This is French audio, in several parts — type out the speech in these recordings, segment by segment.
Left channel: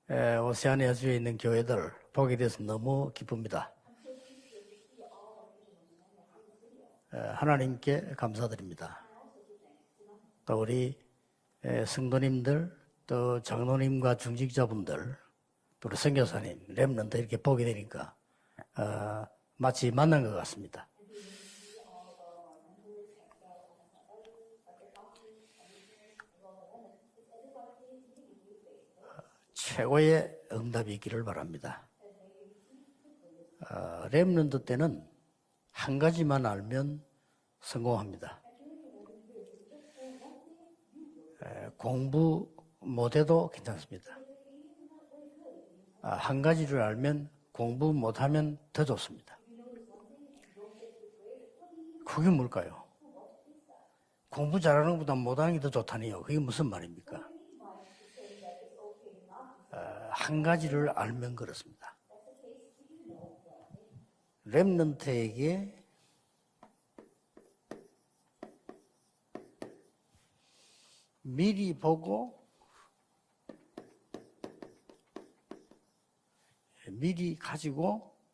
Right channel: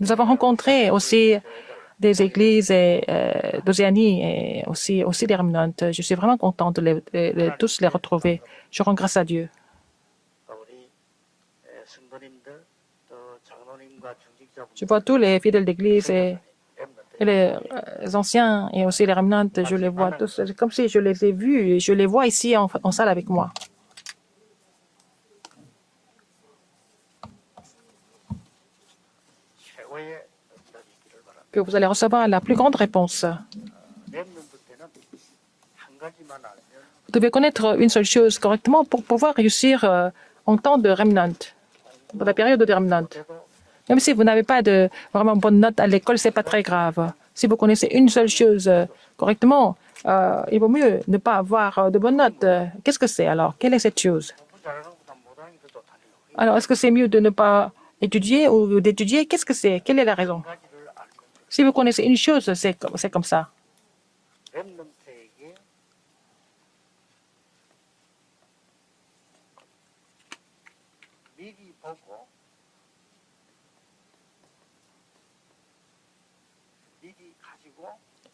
Nous avons rencontré aussi des églises d'Océanie et aussi des remnants. Je suis vraiment content de tous les retrouver. Je rends grâce à Dieu. Je vois tous les fidèles d'église et les anciens et aussi les remnants. Je les vois tous. C'est comme si je les ai vus et je les vois ici en salle avec moi. Que vous allez recevoir la plus grande réponse. Vous devez connaître une seule chose correctement pour pouvoir réussir en temps de remnant, dans la période de remnant. Même si vous n'avez pas de vraiment bonne note à l'école, ce n'est pas très grave. Si vous connaissez une seule chose correctement, il vaut mieux ne pas avoir de bonnes notes. Qu'est-ce que c'est alors? Quelle est cette chose? Alors, est-ce que c'est mieux de ne pas étudier ou d'étudier? Qu'est-ce que c'est? Quelle est la raison? Si vous connaissez une chose, c'est comme ça.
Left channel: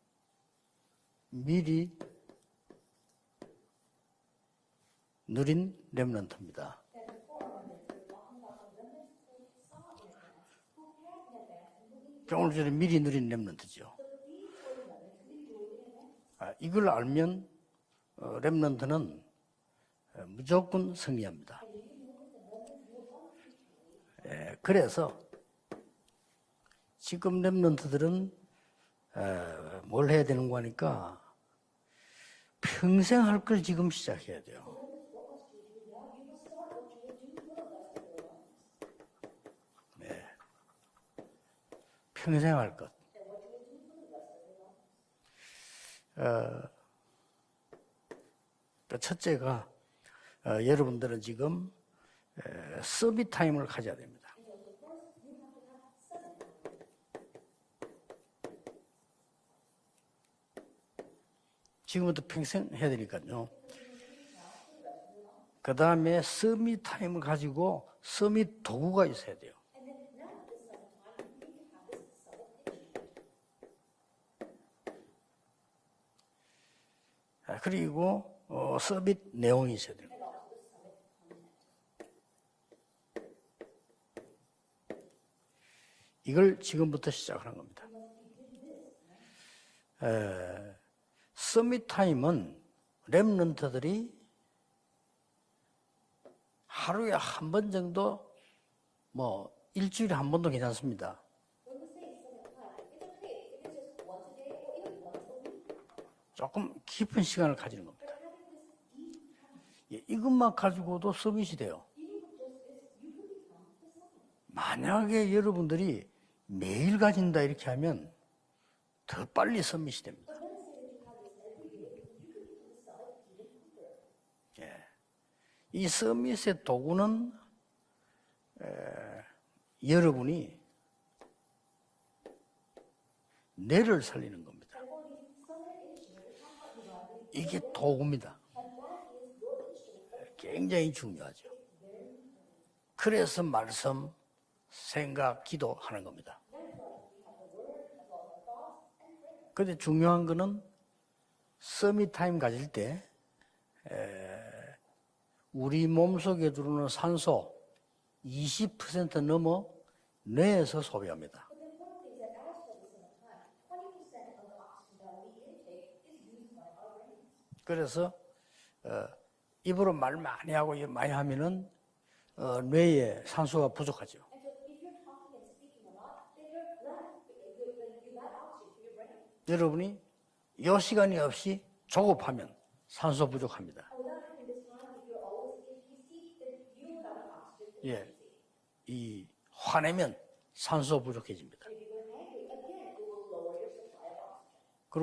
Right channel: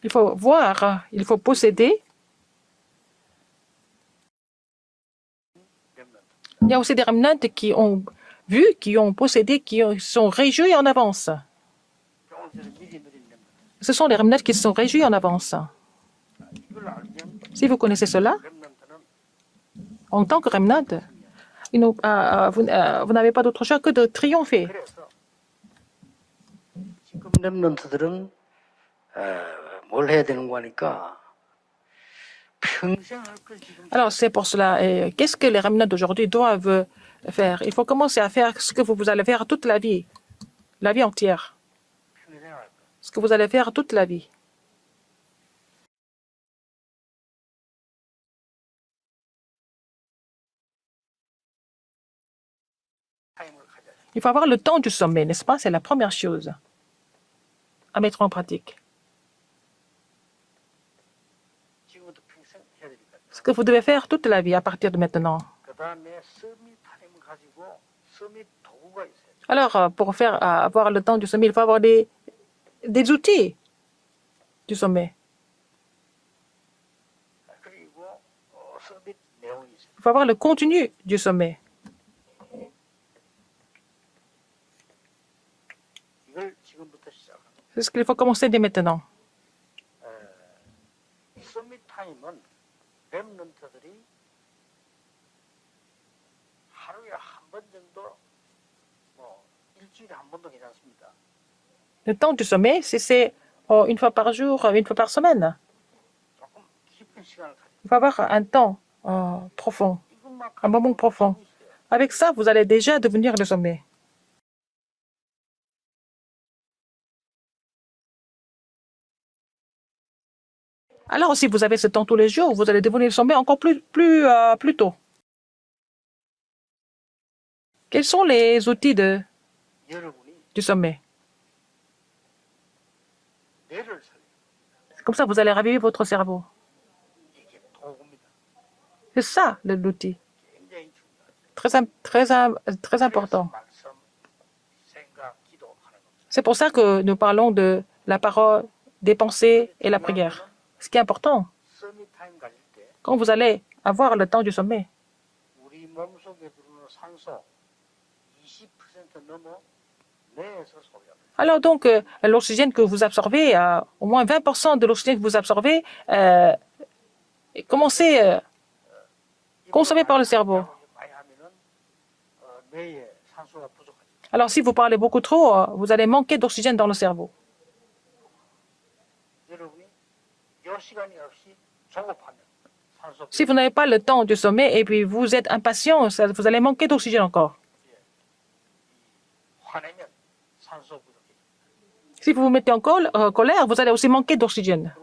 Il faut voir, il faut posséder. Il y a aussi des remnants qui ont vu, qui ont possédé, qui sont réjouis en avance. Ce sont les remnants qui sont réjouis en avance. Si vous connaissez cela, en tant que remnant, vous n'avez pas d'autre choix que de triompher. Alors, c'est pour cela. Qu'est-ce que les remnants d'aujourd'hui doivent faire? Il faut commencer à faire ce que vous allez faire toute la vie entière. Ce que vous allez faire toute la vie. Il faut avoir le temps du sommet, n'est-ce pas? C'est la première chose à mettre en pratique. Ce que vous devez faire toute la vie à partir de maintenant. Alors, pour avoir le temps du sommet, il faut avoir des outils du sommet. Il faut avoir le contenu du sommet. C'est ce qu'il faut commencer dès maintenant. 서밋 타임은 렘넌트들이 하루에 한 번 정도, 일주일에 한 번도 괜찮습니다. Le temps du sommet, c'est une fois par jour, une fois par semaine. 조금 깊은 시간을 가지는 Il faut avoir un temps profond, un moment profond. Avec ça, vous allez déjà devenir le sommet. 만약에 여러분들이 매일 가진다 이렇게 하면 더 빨리 서밋이 됩니다. Alors, si vous avez ce temps tous les jours, vous allez devenir le sommet encore plus tôt. Quels sont les outils du sommet? Comme ça, vous allez raviver votre cerveau. C'est ça l'outil. Très important. C'est pour ça que nous parlons de la parole, des pensées et la prière. Ce qui est important, quand vous allez avoir le temps du sommet, alors donc l'oxygène que vous absorbez, au moins 20% de l'oxygène que vous absorbez, commencez consommé par le cerveau. Alors si vous parlez beaucoup trop, vous allez manquer d'oxygène dans le cerveau. Si vous n'avez pas le temps du sommet et puis vous êtes impatient, vous allez manquer d'oxygène encore. Si vous vous mettez en colère, vous allez aussi manquer d'oxygène.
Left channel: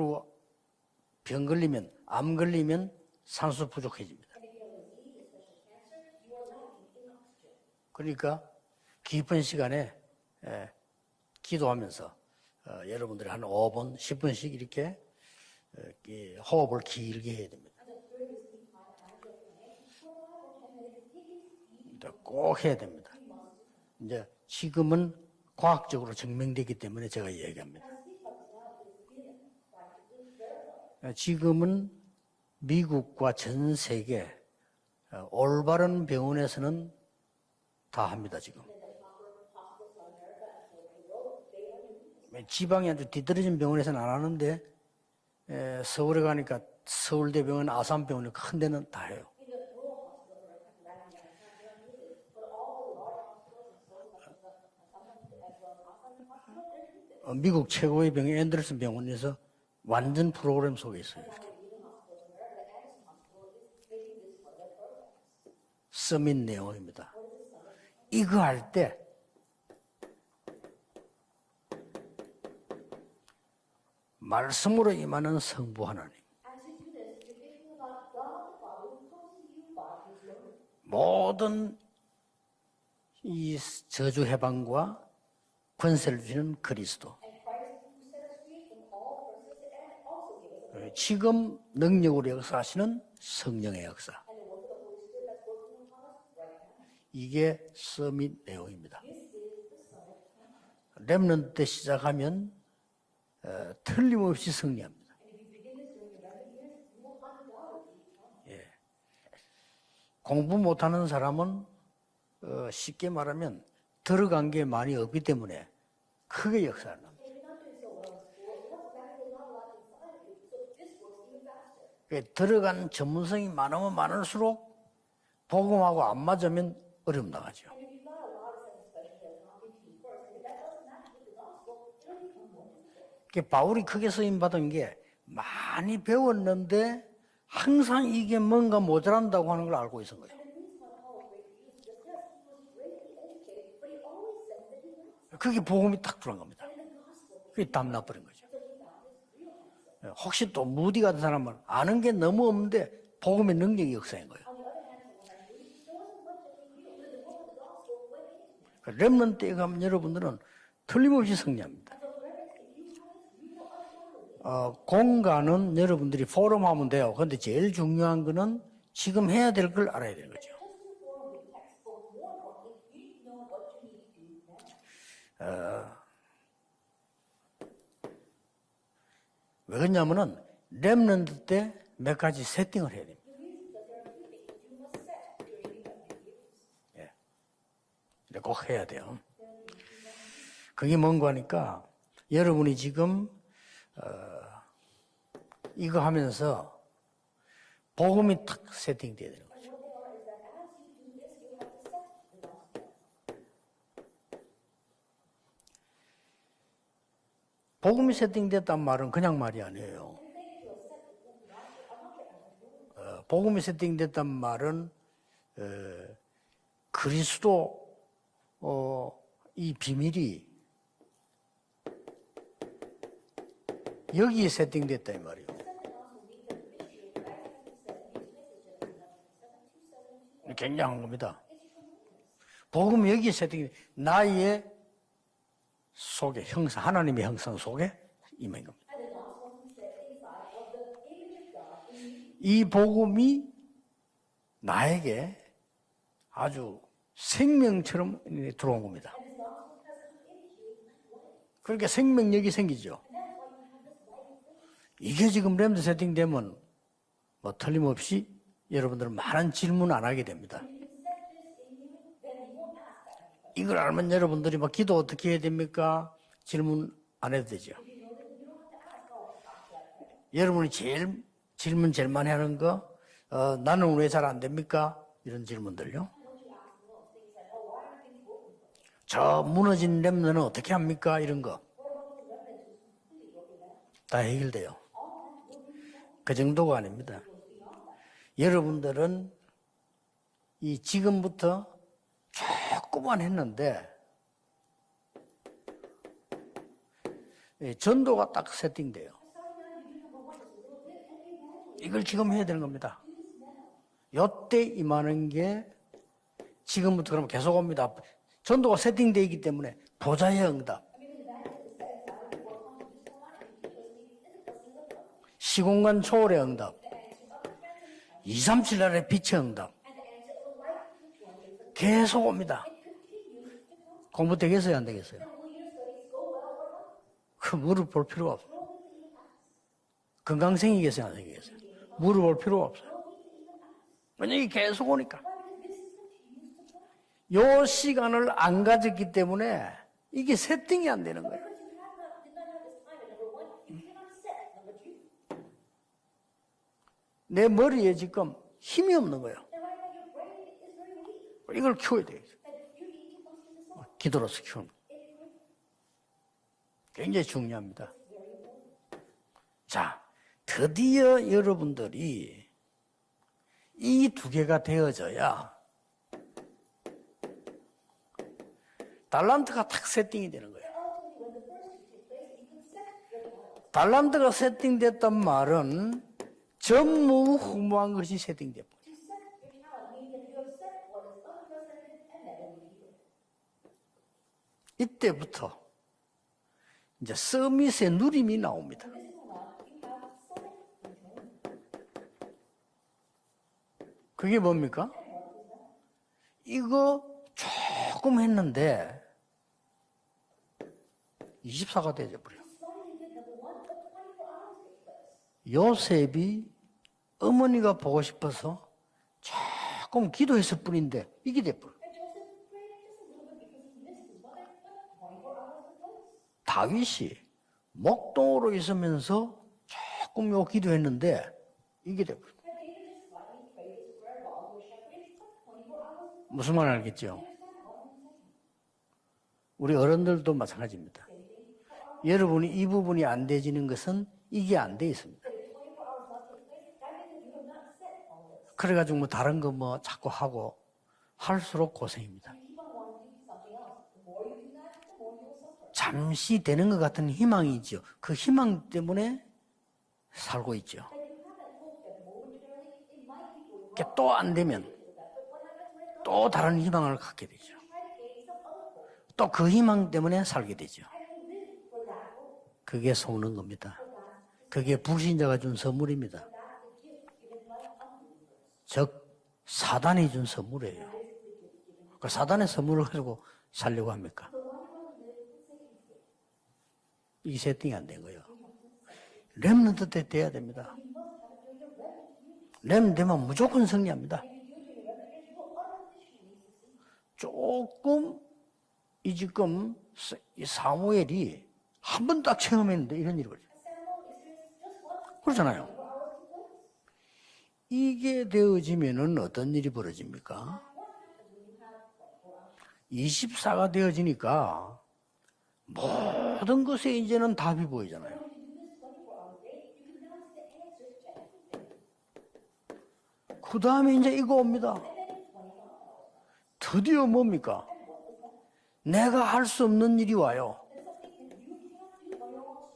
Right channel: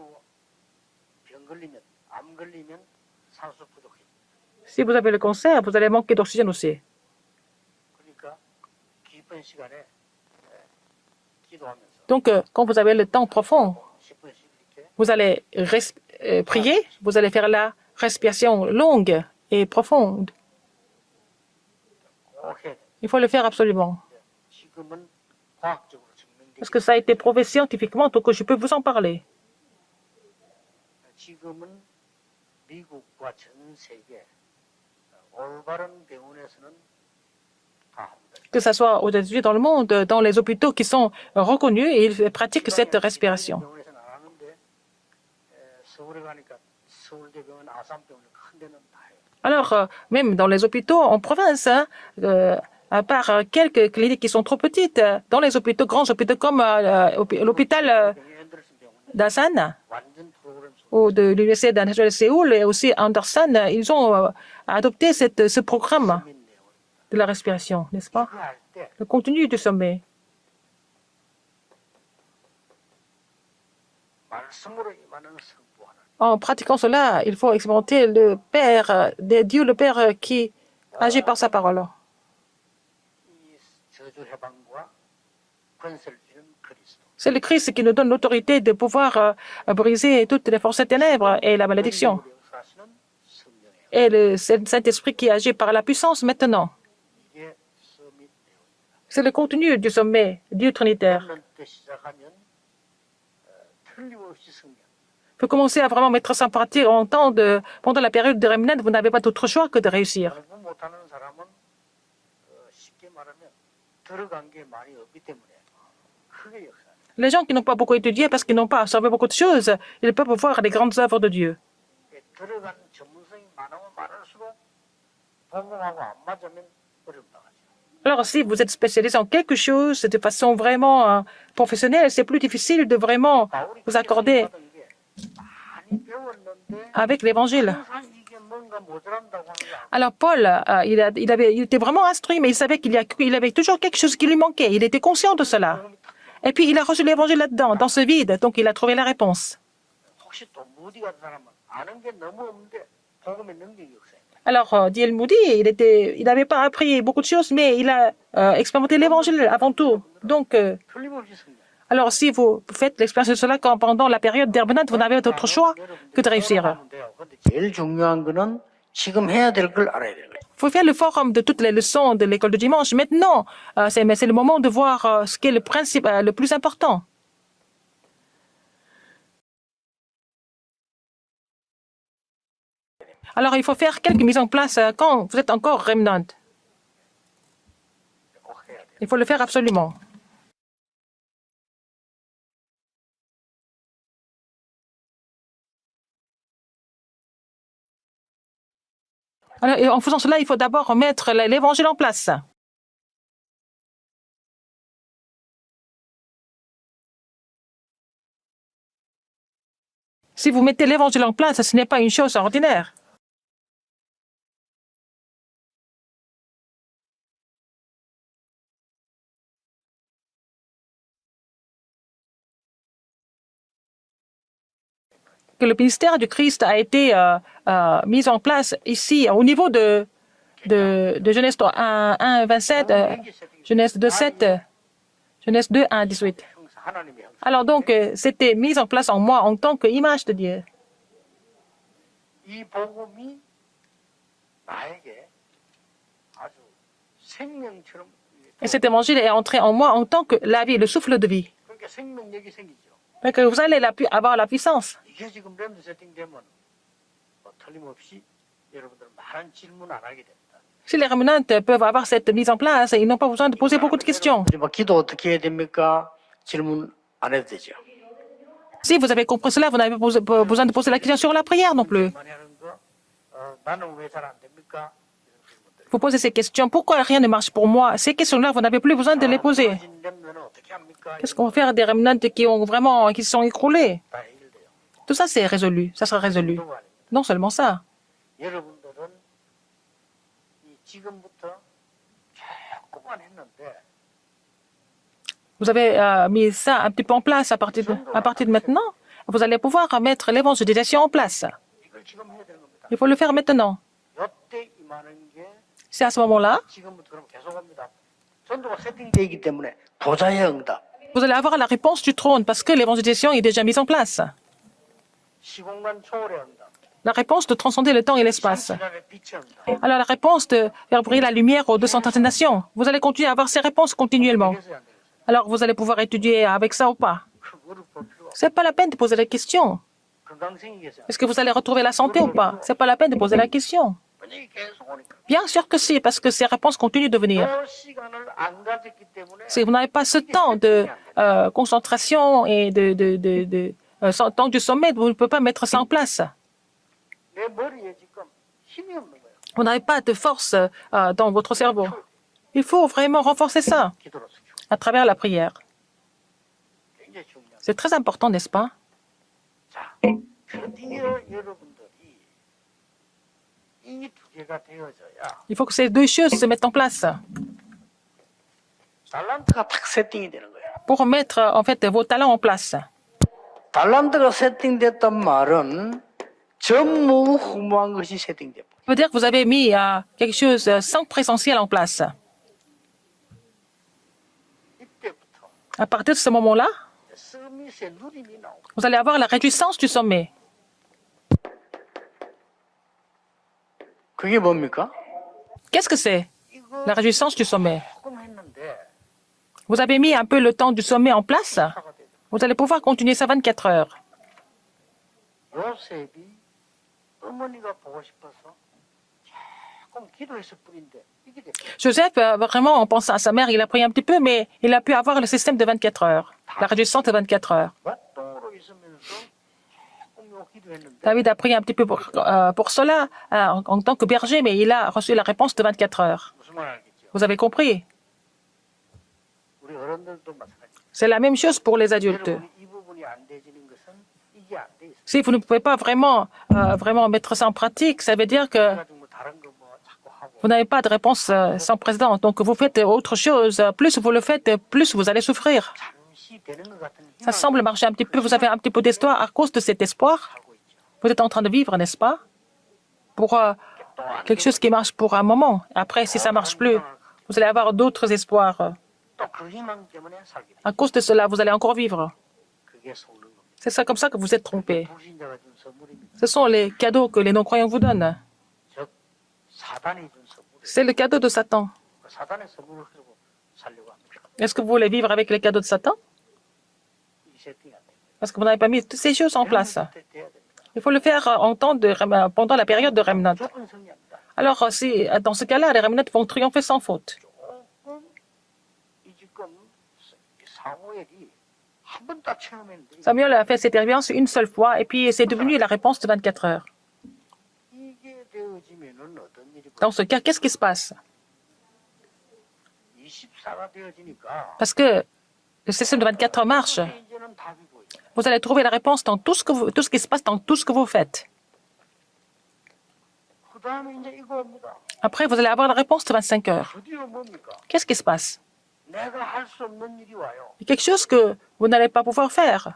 Si vous avez le cancer, vous allez manquer d'oxygène aussi. Donc, quand vous avez le temps profond, vous allez prier, vous allez faire la respiration longue et profonde. Il faut le faire absolument. 지금은 과학적으로 증명되기 Parce que ça a 때문에 été 제가 prouvé 얘기해요. scientifiquement, donc je peux vous en parler. 지금은 미국과 전 세계 올바른 병원에서는 다 합니다. 지금. Que ce soit aux États-Unis, dans le monde, dans les hôpitaux qui sont reconnus, et ils pratiquent cette 지방에 뒤떨어진 respiration. 병원에서는 안 하는데 서울에 가니까 서울대병원, 아산병원 큰 데는 다 해요. Alors, même dans les hôpitaux en province, hein, à part quelques cliniques qui sont trop petites, dans les hôpitaux, grands hôpitaux comme 미국 l'hôpital 최고의 병원 앤더슨 병원에서 d'Asan 완전 프로그램 속에 ou 있어요. de l'Université nationale de Séoul et aussi Anderson, ils ont adopté ce programme 서밋 내용입니다. de la respiration, n'est-ce pas? 이거 할 때 Le contenu du sommet. 말씀으로 임하는 성부 하나님. En pratiquant cela, il faut expérimenter le Père, Dieu le Père qui agit par sa parole. 이 저주 해방과 권세를 주시는 그리스도. C'est le Christ qui nous donne l'autorité de pouvoir briser toutes les forces des ténèbres et la malédiction. 능력으로 역사하시는 성령의 역사. Et le Saint-Esprit qui agit par la puissance maintenant. 이게 서밋 내용입니다. C'est le contenu du sommet, Dieu Trinitaire. 렘넌트 때 시작하면 틀림없이 승리합니다. Il faut commencer à vraiment mettre ça en pratique pendant la période de Remnant. Vous n'avez pas d'autre choix que de réussir. 공부 못하는 사람은 쉽게 말하면 들어간 게 많이 없기 때문에 크게 역사합니다. Les gens qui n'ont pas beaucoup étudié parce qu'ils n'ont pas absorbé beaucoup de choses, ils peuvent voir les grandes œuvres de Dieu. 들어간 전문성이 많으면 많을수록 복음하고 안 맞으면 어려움 나가죠. Alors, si vous êtes spécialisé en quelque chose de façon vraiment professionnelle, c'est plus difficile de vraiment 바울이 vous 크게 accorder 쓰임받은 게 많이 배웠는데 avec l'Évangile. 항상 이게 뭔가 모자란다고 하는 걸 알고 Alors, 있어요. Paul, il était vraiment instruit, mais il savait qu'il avait toujours quelque chose qui lui manquait. Il était conscient de cela. 복음이 딱 들어간 Et puis, il a reçu l'Évangile là-dedans, dans ce vide. Donc, il a trouvé la réponse. 거예요. 혹시 또 무디 같은 사람은 아는 게 너무 없는데 복음의 능력이 역사인 거예요. Alors, D.L. Moody, il n'avait pas appris beaucoup de choses, mais il a expérimenté l'Évangile avant tout. Donc, 틀림없이 승리합니다. alors, si vous faites l'expérience de cela pendant la période d'Herbenant, vous n'avez d'autre choix que de réussir. 하면 돼요. 그런데 제일 중요한 거는 지금 해야 될 걸 알아야 되는 거죠. Il faut faire le forum de toutes les leçons de l'école de dimanche. Maintenant, c'est le moment de voir ce qui est le principe le plus important. 왜 그러냐면은 렘넌트 때 몇 가지 세팅을 해야 돼요. Alors, il faut faire quelques mises en place quand vous êtes encore remnant. 꼭 해야 돼요. Il faut le faire absolument. 그게 뭔가 하니까 여러분이 지금 이거 하면서 복음이 탁 세팅돼야 돼요. Alors, et en faisant cela, il faut d'abord mettre l'évangile en place. 복음이 세팅됐단 말은 그냥 말이 아니에요. Si vous mettez l'évangile en place, ce n'est pas une chose ordinaire. 복음이 세팅됐단 말은 그리스도 이 비밀이 여기에 세팅됐다 이 말이에요. Que le ministère du Christ a été mis en place ici, au niveau de Genèse 1, 27, 복음이 여기에 세팅됐다. Genèse 2, 7, Genèse 2, 1, 18. 속에 형상, 하나님의 형상 Alors donc, 속에 c'était mis en place en moi en tant qu'image de Dieu. 이 복음이 나에게 아주 생명처럼 Et cet évangile est entré en moi en tant que la vie, le souffle de vie. 그러니까 생명력이 생기죠. Mais que vous allez avoir la puissance. 이게 지금 램드 세팅되면 뭐 틀림없이 여러분들은 많은 질문 안 하게 됩니다. Si les remnants peuvent avoir cette mise en place, ils n'ont pas besoin de poser beaucoup de questions. 여러분들이 뭐 기도 어떻게 해야 됩니까? 질문 안 해도 되죠. Si vous avez compris cela, vous n'avez pas besoin de poser la question sur la prière non 질문 plus. 제일 많이 하는 거 나는 왜 잘 안 됩니까? 이런 질문들요. Vous posez ces questions. Pourquoi rien ne marche pour moi? Ces questions-là, vous n'avez plus besoin de les poser. 무너진 렘넌은 어떻게 합니까? Qu'est-ce 이런 qu'on va 거 faire des remnants qui se sont écroulés? 다 해결돼요. Tout ça, c'est résolu. Ça sera 그 résolu. 정도가 아닙니다. Non seulement ça. 여러분들은 이 지금부터 조금만 했는데 Vous avez mis ça un petit peu en place à partir de maintenant. Vous allez pouvoir mettre l'évangélisation en place. 이걸 지금 해야 되는 겁니다. Il faut le faire maintenant. 이때 임하는 게 C'est à ce moment-là, 지금부터 그럼 계속 옵니다. 전도가 세팅되어 있기 때문에 보좌의 응답, vous allez avoir la réponse du trône parce que l'évangélisation est déjà mise en place. 시공간 초월의 응답, La réponse de transcender le temps et l'espace. 237날의 빛의 응답. Alors la réponse de faire briller la lumière aux 237 nations. Vous allez continuer à avoir ces réponses continuellement. 되겠어요, 안 되겠어요? Alors vous allez pouvoir étudier avec ça ou pas. 그 무릎 볼 필요가 없어요. C'est pas la peine de poser la question. 건강생이겠어요? 안 Est-ce que 되겠어요? vous allez retrouver la santé ou pas? C'est pas la peine de poser la question. 왜냐면 계속 오니까. Bien sûr que si, parce que ces réponses continuent de venir. 요 시간을 안 가졌기 때문에 Si vous n'avez pas ce 이게 temps de 세팅이 안 되는 concentration et temps du sommet, vous ne pouvez pas mettre ça en place. 내 머리에 지금 힘이 없는 거예요. Vous n'avez pas de force dans votre 이걸 cerveau. 키워야 돼요. Il faut vraiment renforcer ça 기도로서 키우는 à travers la prière. 굉장히 중요합니다. C'est très important, n'est-ce pas? 자, 드디어 여러분들이 이 두 개가 되어져야 Il faut que ces deux choses se mettent en place 달란트가 탁 세팅이 되는 거예요. pour mettre en fait vos talents en place. 달란트가 세팅됐단 말은 전무후무한 것이 세팅돼요. Ça veut dire que vous avez mis quelque chose sans présentiel en place. 이때부터 À partir de ce moment-là, 이제 서밋의 누림이 나옵니다. vous allez avoir la réjouissance du sommet. 그게 뭡니까? Qu'est-ce que c'est, 이거 la réjouissance du sommet? 조금 했는데 Vous avez mis un peu le temps du sommet en place. 24가 되죠. Vous allez pouvoir continuer ça 24 heures. 요셉이 어머니가 보고 싶어서 조금 기도했을 뿐인데 이게 돼요. Joseph, vraiment, en pensant à sa mère, il a prié un petit peu, mais il a pu avoir le système de 24 heures, la réjouissance de 24 heures. 목동으로 있으면서 조금 요 기도했는데 David a prié un petit peu pour cela en tant que berger, mais il a reçu la réponse de 24 heures. 무슨 말 알겠죠? Vous avez compris? 우리 어른들도 마찬가지입니다. C'est la même chose pour les adultes. 여러분이 이 부분이 안 되지는 것은 이게 안 돼 있습니다. Si vous ne pouvez pas vraiment mettre ça en pratique, ça veut dire que 그래가지고 뭐 다른 거 뭐 자꾸 하고 vous n'avez pas de réponse sans précédent. Donc vous faites autre chose. Plus vous le faites, plus vous allez souffrir. 잠시 되는 것 같은 Ça semble marcher un petit peu. 그 Vous avez un petit peu d'espoir. À cause de cet espoir, 살고 있죠. vous êtes en train de vivre, n'est-ce pas? Pour 또안 quelque chose qui marche pour un moment. Après, si ça ne marche plus, vous allez avoir d'autres espoirs. 또 그 희망 때문에 살게 À 되죠. cause de cela, vous allez encore vivre. 그게 속는 겁니다. C'est ça comme ça que vous êtes 그게 trompé. 불신자가 준 선물입니다. Ce sont les cadeaux que les non-croyants vous donnent. 즉 사단이 준 선물이에요. C'est le cadeau de Satan. 그 사단의 선물을 가지고 살려고 합니까? Est-ce que vous voulez vivre avec les cadeaux de Satan? 이 세팅이 안 된 거예요. Parce que vous n'avez pas mis toutes ces choses en place. 렘넌트 때 돼야 됩니다. Il faut le faire pendant la période de 렘넌트는 Remnant. 무조건 승리합니다. Alors, dans ce cas-là, les Remnants vont triompher sans faute. 조금 이 지금 이 사무엘이 한 번 딱 체험했는데 Samuel a fait cette expérience une seule fois et puis c'est devenu la réponse de 24 heures. 이게 되어지면은 어떤 일이 Dans ce cas, 벌어집니까? qu'est-ce qui se passe? 24가 되어지니까 Parce que le système de 24 heures marche. 것에 이제는 답이 보이잖아요. Vous allez trouver la réponse dans tout ce qui se passe dans tout ce que vous faites. 그 다음에 이제 이거 옵니다. Après, vous allez avoir la réponse de 25 heures. 드디어 뭡니까? Qu'est-ce qui se passe? 내가 할 수 없는 일이 와요. Quelque chose que vous n'allez pas pouvoir faire.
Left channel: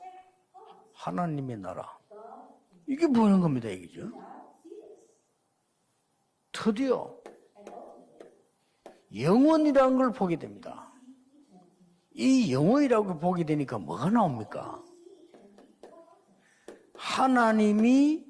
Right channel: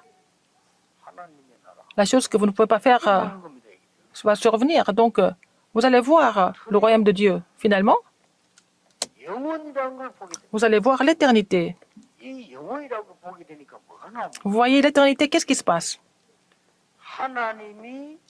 하나님의 나라. La chose que vous ne pouvez pas faire 이게 되는 겁니다, 이거죠. va survenir. Donc, vous allez voir le royaume de Dieu. Finalement, 영원이라는 걸 보게 됩니다. vous allez voir l'éternité. 이 영원이라고 보게 되니까 뭐가 나옵니까? Vous voyez l'éternité, qu'est-ce qui se passe? 하나님이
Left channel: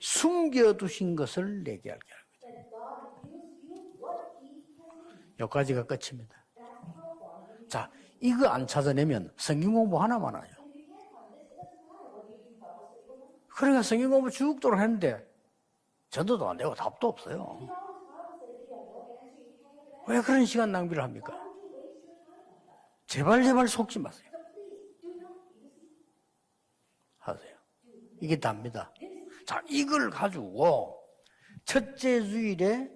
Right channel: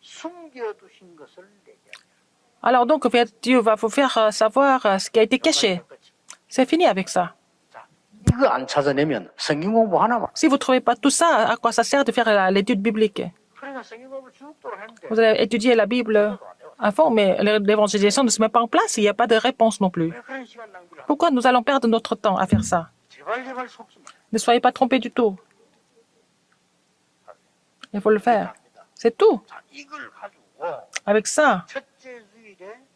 숨겨두신 것을 내게 하게 합니다. Alors donc, Dieu va vous faire savoir ce qui a été caché. 여기까지가 끝입니다. C'est fini avec ça. 자, 이거 안 찾아내면 성경 공부 하나만 Si vous ne trouvez pas tout ça, à quoi ça sert de faire l'étude biblique? 그러니까 성경 공부 죽도록 했는데 Vous allez étudier la Bible 전도도 안 되고 다 avant, mais l'évangélisation ne se met pas en place, il n'y a pas de réponse non plus. 왜 그런 시간 낭비를 합니까? Pourquoi nous allons perdre notre temps à faire ça? 제발 속지 마세요. Ne soyez pas trompés du tout. 하세요. Il faut le 이게 faire. 답니다. C'est tout. 자, 이걸 가지고 Avec ça, 첫째 주일에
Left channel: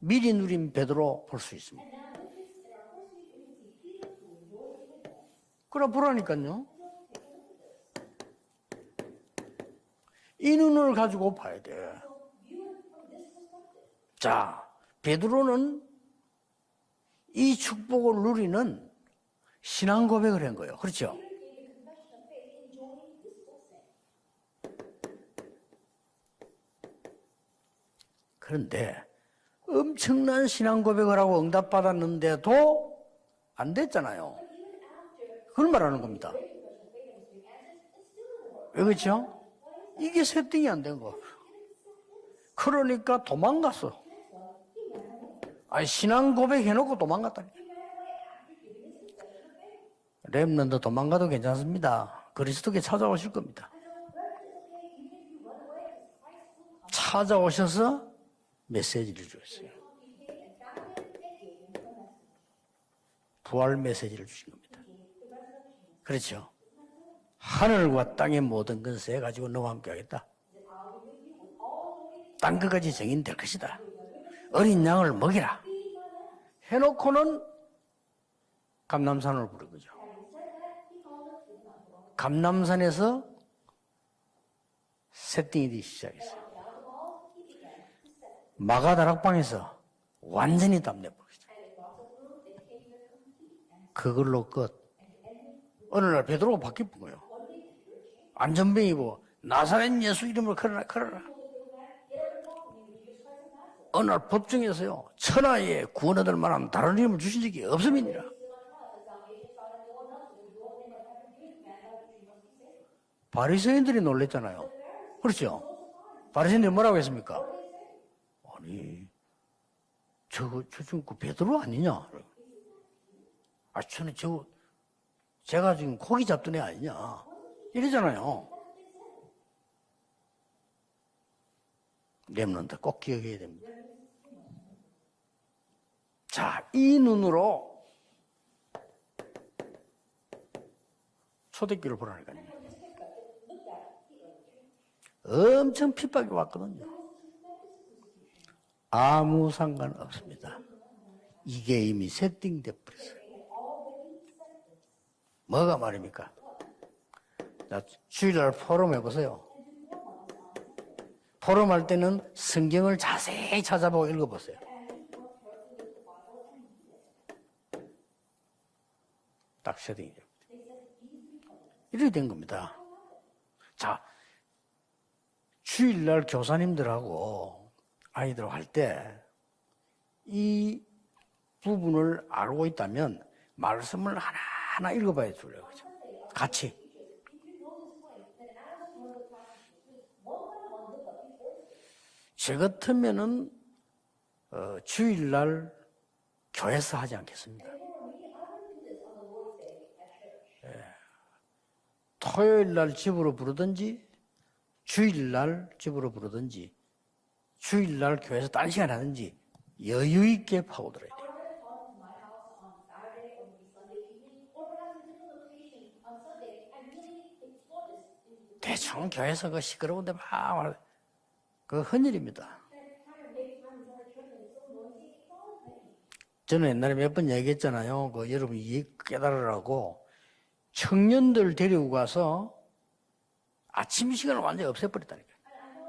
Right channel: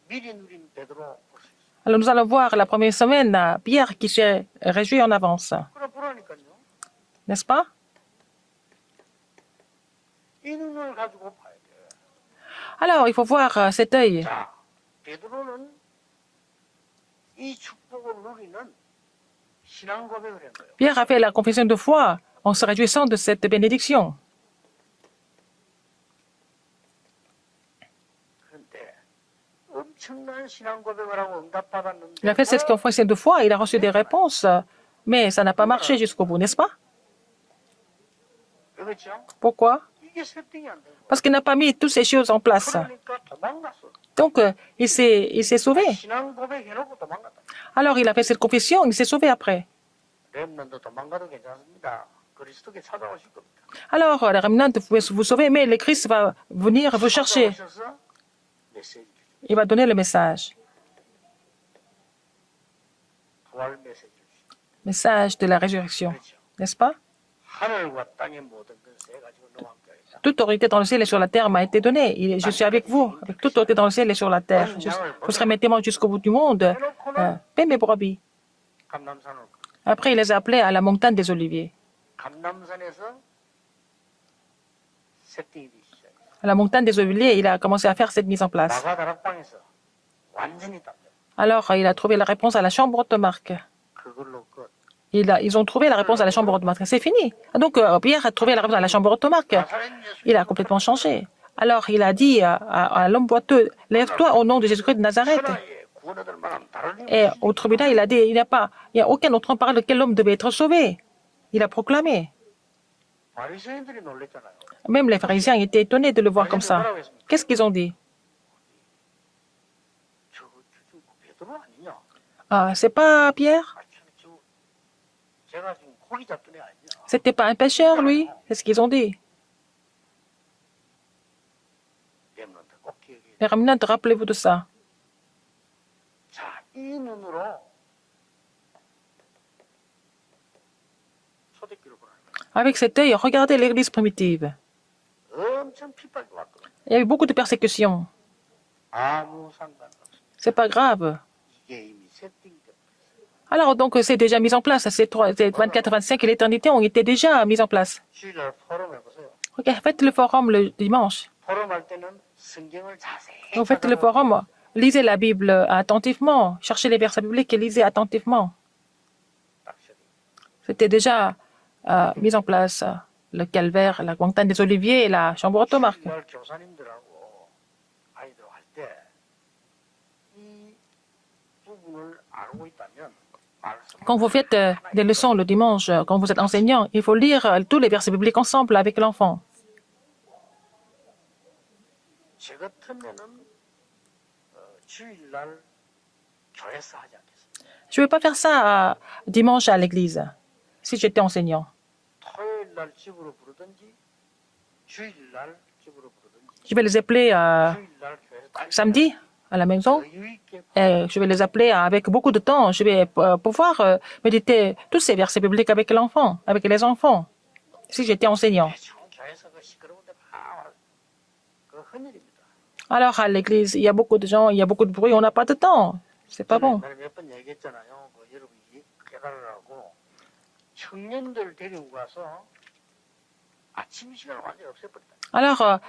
미리 누린 베드로 볼 수 있습니다. alors nous allons voir la première semaine Pierre qui s'est réjoui en avance. 그럼 보라니까요. N'est-ce pas? 이 눈을 가지고 봐야 돼. Alors, il faut voir cet œil. 자, 베드로는 이 축복을 누리는 신앙 고백을 한 거예요. Pierre a 그렇죠? fait la confession de foi en se réjouissant de cette bénédiction. 그런데 엄청난 신앙 고백을 하고 Il 응답받았는데 a fait cette confession de foi, il a reçu des réponses, mais ça n'a pas marché jusqu'au bout, n'est-ce pas? 왜 그렇죠? Pourquoi? 이게 세팅이 안 된 거예요. Parce qu'il n'a pas mis toutes ces choses en place. 그러니까 도망갔어. Donc, il s'est sauvé. 아니, 신앙 고백해놓고 도망갔다. Alors, il a fait cette confession, il s'est sauvé après. 렘넌트 도망가도 괜찮습니다. 그리스도께 찾아오실 겁니다. Alors, les remnants, vous pouvez vous sauver, mais le Christ va venir vous chercher. 찾아오셔서 메시지를 주셨어요. Il va donner le message. 부활 메시지를 주신 겁니다. Message de la résurrection. 그렇죠. N'est-ce pas? 하늘과 땅의 모든 것에 가지고 너와 함께하겠다. Toute autorité dans le ciel et sur la terre m'a été donnée. Je suis avec vous. Toute autorité dans le ciel et sur la terre. Vous serez mes témoins jusqu'au bout du monde. Paix mes brebis. 감남산을 부르고 Après, il les a appelés à la montagne des Oliviers. 감남산에서 세팅이 되기 시작했어요. À la montagne des Oliviers, il a commencé à faire cette mise en place. 마가 다락방에서 완전히 답내버렸어요. Alors, il a trouvé la réponse à la chambre automarque. 그걸로 끝. Ils ont trouvé la réponse à la chambre automarque. C'est fini. Donc, Pierre a trouvé la réponse à la chambre automarque. Il a complètement changé. Alors, il a dit à l'homme boiteux, lève-toi au nom de Jésus-Christ de Nazareth. 천하에 구원 얻을 만한 다른 힘을 Et 주시지 au tribunal, il a dit, il n'y a aucun autre parole de quel homme devait être sauvé. Il a proclamé. 바리새인들이 놀랬잖아요. Même les pharisiens étaient étonnés de le voir comme ça. Qu'est-ce qu'ils ont dit? 아니, 저 지금 그 베드로 아니냐? Ah, c'est pas Pierre? 아, 제가 지금 고기 잡던 애 아니냐? C'était pas un pécheur, lui? C'est ce qu'ils ont dit. 렘넌트 꼭 기억해야 돼. Les remnants, rappelez-vous de ça. 자, 이 눈으로 초대교를 보라니까요. Avec cet œil, regardez l'église primitive. 엄청 핍박이 왔거든요. Il y a eu beaucoup de persécutions. 아무 상관없습니다. C'est pas grave. 이게 이미 세팅돼 버렸어요. Alors, donc, c'est déjà mis en place. Ces 24, 25 et l'éternité ont été déjà mis en place. 주일날 포럼 해보세요. Regarde, faites le forum le dimanche. 포럼 할 때는 성경을 자세히 Vous faites le forum, 찾아보세요. lisez la Bible attentivement. Cherchez les versets bibliques et lisez attentivement. 딱 세팅돼. C'était déjà mis en place. Le calvaire, la montagne des Oliviers et la chambre automarque. 주일날 교사님들하고 아이들 할 때 이 부분을 알고 있다면 말씀을 Quand vous faites 하나 des leçons 읽어봐요. le dimanche, quand vous êtes enseignant, il faut lire tous les versets bibliques ensemble avec l'enfant. 제 같으면은 주일날 교회에서 하지 않겠습니다. Je ne vais pas faire ça dimanche à l'église, si j'étais enseignant. 토요일날 집으로 부르든지 주일날 집으로 부르든지 Je vais les appeler 주일날 교회에서 samedi 딸기하든지 à la maison. 여유 있게 Et je vais les appeler avec beaucoup de temps. Je vais pouvoir méditer tous ces versets bibliques avec l'enfant, avec les enfants, si j'étais enseignant. 대충 교회에서 그 시끄러운데 그 헌일입니다. Alors à l'église, il y a beaucoup de gens, il y a beaucoup de bruit, on n'a pas de temps. C'est pas 저는 bon. 옛날에 몇 번 얘기했잖아요. 그 여러분 이 깨달으라고 청년들 데리고 가서 아침 시간을 완전히 없애버렸다니까. Alors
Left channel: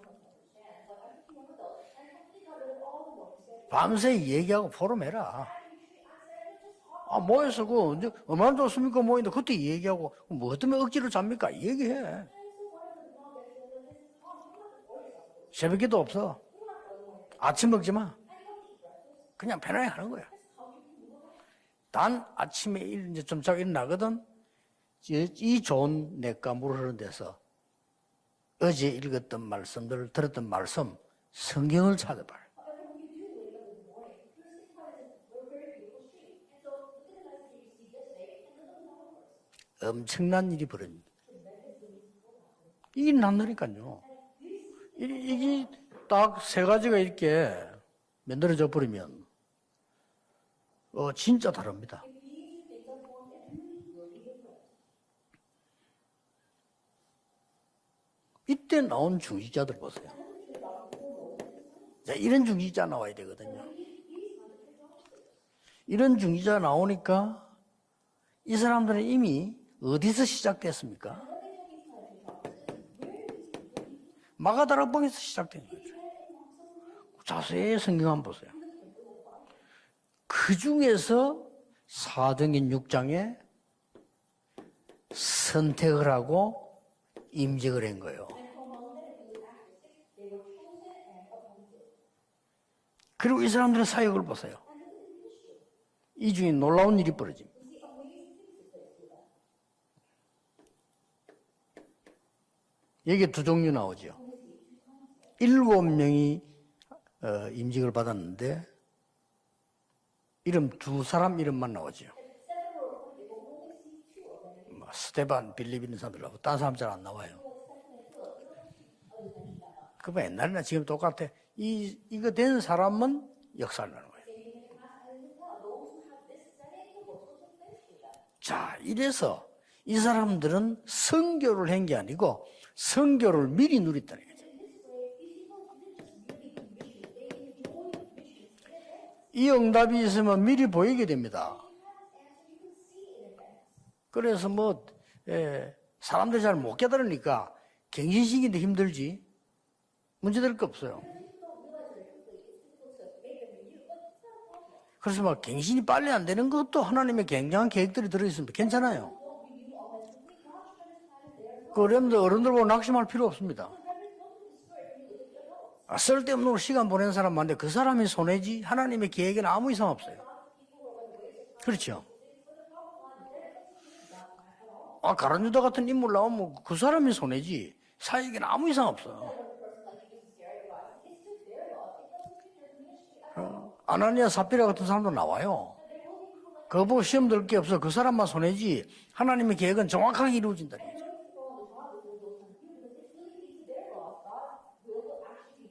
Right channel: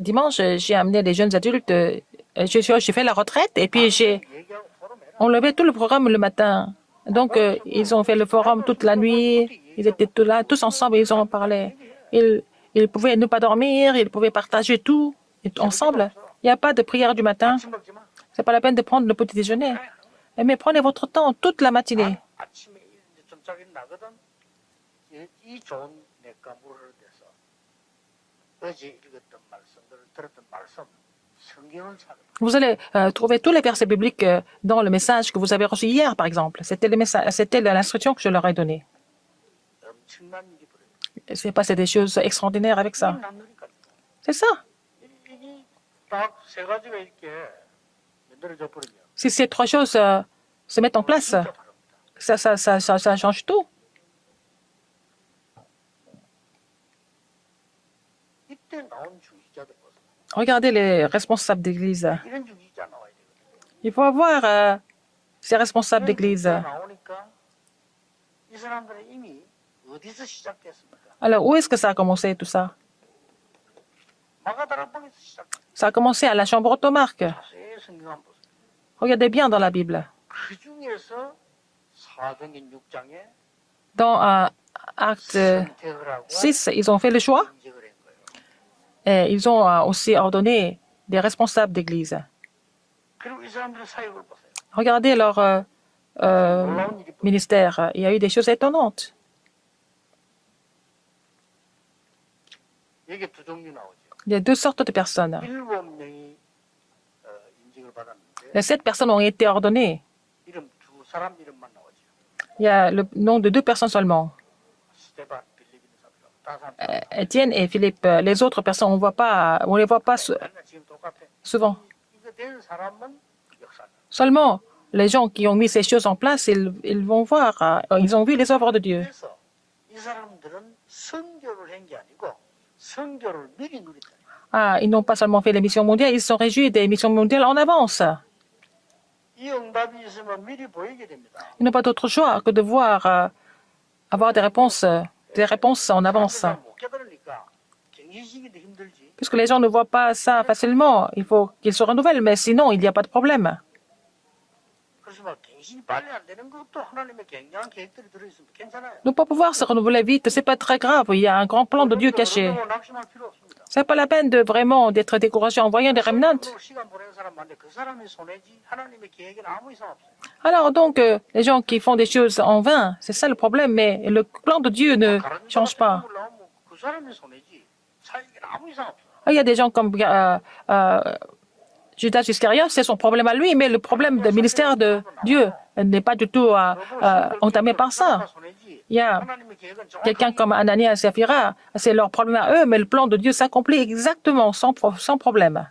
dimanche, j'ai amené les jeunes adultes. J'ai fait la retraite et puis j'ai 얘기하고 포럼해라. enlevé tout le programme le matin. Donc, ils ont fait le forum toute la nuit. Ils étaient tous là, tous ensemble, ils ont parlé. Ils pouvaient ne pas dormir, ils pouvaient partager tout ensemble. Il n'y a pas de prière du matin. 아침 먹지 마. C'est pas la peine de prendre le petit déjeuner. 편하게 하는 거야. Mais prenez votre temps toute la matinée. 나는 아침에 이제 좀 자고 일어나거든. 이 좋은 내가 물 흐르는 데서 어제 읽었던 말씀들 들었던 말씀 성경을 찾아봐. Vous allez trouver tous les versets bibliques dans le message que vous avez reçu hier, par exemple. C'était l'instruction que je leur ai donnée. 엄청난 일이 벌어집니다. C'est passé des choses extraordinaires avec ça. 이게 남다니까요. C'est ça. 이게 딱 세 가지가 이렇게 만들어져 버리면 Si ces trois choses se mettent en place, 진짜 다릅니다. ça change tout. 이때 나온 중직자들 보세요. Regardez les responsables d'église. 이런 중직자 나와야 되거든요. Il faut avoir ces responsables 이런 d'église. 중직자 나오니까 이 사람들은 이미 어디서 시작됐습니까? Alors, où est-ce que ça a commencé tout ça? 마가다락방에서 시작된 거예요. Ça a commencé à la chambre automarque. 자세히 성경 한번 보세요. Regardez bien dans la Bible. 그 중에서 사도행전 6장에 Dans Acte 선택을 하고 6, ils ont fait le choix 임직을 한 거예요. et ils ont aussi ordonné des responsables d'église. 그리고 이 사람들의 사역을 보세요. Regardez leur 놀라운 일이 벌어요. ministère. Il y a eu des choses étonnantes. 여기 두 종류 나오죠. Il y a deux sortes de personnes. 7명이 임직을 받았는데 7 personnes ont été ordonnées. 이름 두 사람 이름만 나오죠. Il y a le nom de 2 personnes seulement. 스테반, 빌립 있는 사람들하고 다른 사람 잘 안 나와요. Étienne et Philippe. Les autres personnes, on les voit pas 맨날 지금 똑같아. souvent. 이거 된 사람은 역사를 나눠. Seulement, les gens qui ont mis ces choses en place, ils vont voir, ils ont vu les œuvres de Dieu. 이래서 이 사람들은 선교를 한 게 아니고 선교를 미리 누렸다는 거예요. Ah, ils n'ont pas seulement fait les missions mondiales, ils se sont réjouis des missions mondiales en avance. 이 응답이 있으면 미리 보이게 됩니다. Ils n'ont pas d'autre choix que de voir, avoir des réponses en avance. 사람들이 잘 못 깨달으니까 갱신시키는데 힘들지. Puisque les gens ne voient pas ça facilement, il faut qu'ils se renouvellent, mais sinon, il n'y a pas de problème. 그래서 막 갱신이 빨리 안 되는 것도 하나님의 굉장한 계획들이 들어있으면 괜찮아요. Ne pas pouvoir se renouveler vite, c'est pas très grave. Il y a un grand plan de Dieu caché. 어른들하고 낙심할 필요 없습니다. C'est pas la peine de vraiment d'être découragé en voyant des remnants. 쓸데없는 시간 보내는 사람 많은데 그 사람이 손해지 하나님의 계획에는 아무 이상 없어요. Alors donc, les gens qui font des choses en vain, c'est ça le problème, mais le plan de Dieu ne 가룟 유다 change 같은 pas. 인물 나오면 그 사람이 손해지 사역에는 아무 이상 없어. Il y a des gens comme Judas Iscariote, c'est son problème à lui, mais le problème du ministère de Dieu n'est pas du tout entamé par 그 ça. 사람만 손해지 Il y a 하나님의 계획은 quelqu'un 정확하게 comme Ananias et Saphira, c'est leur problème à eux, mais le plan de Dieu s'accomplit exactement sans problème.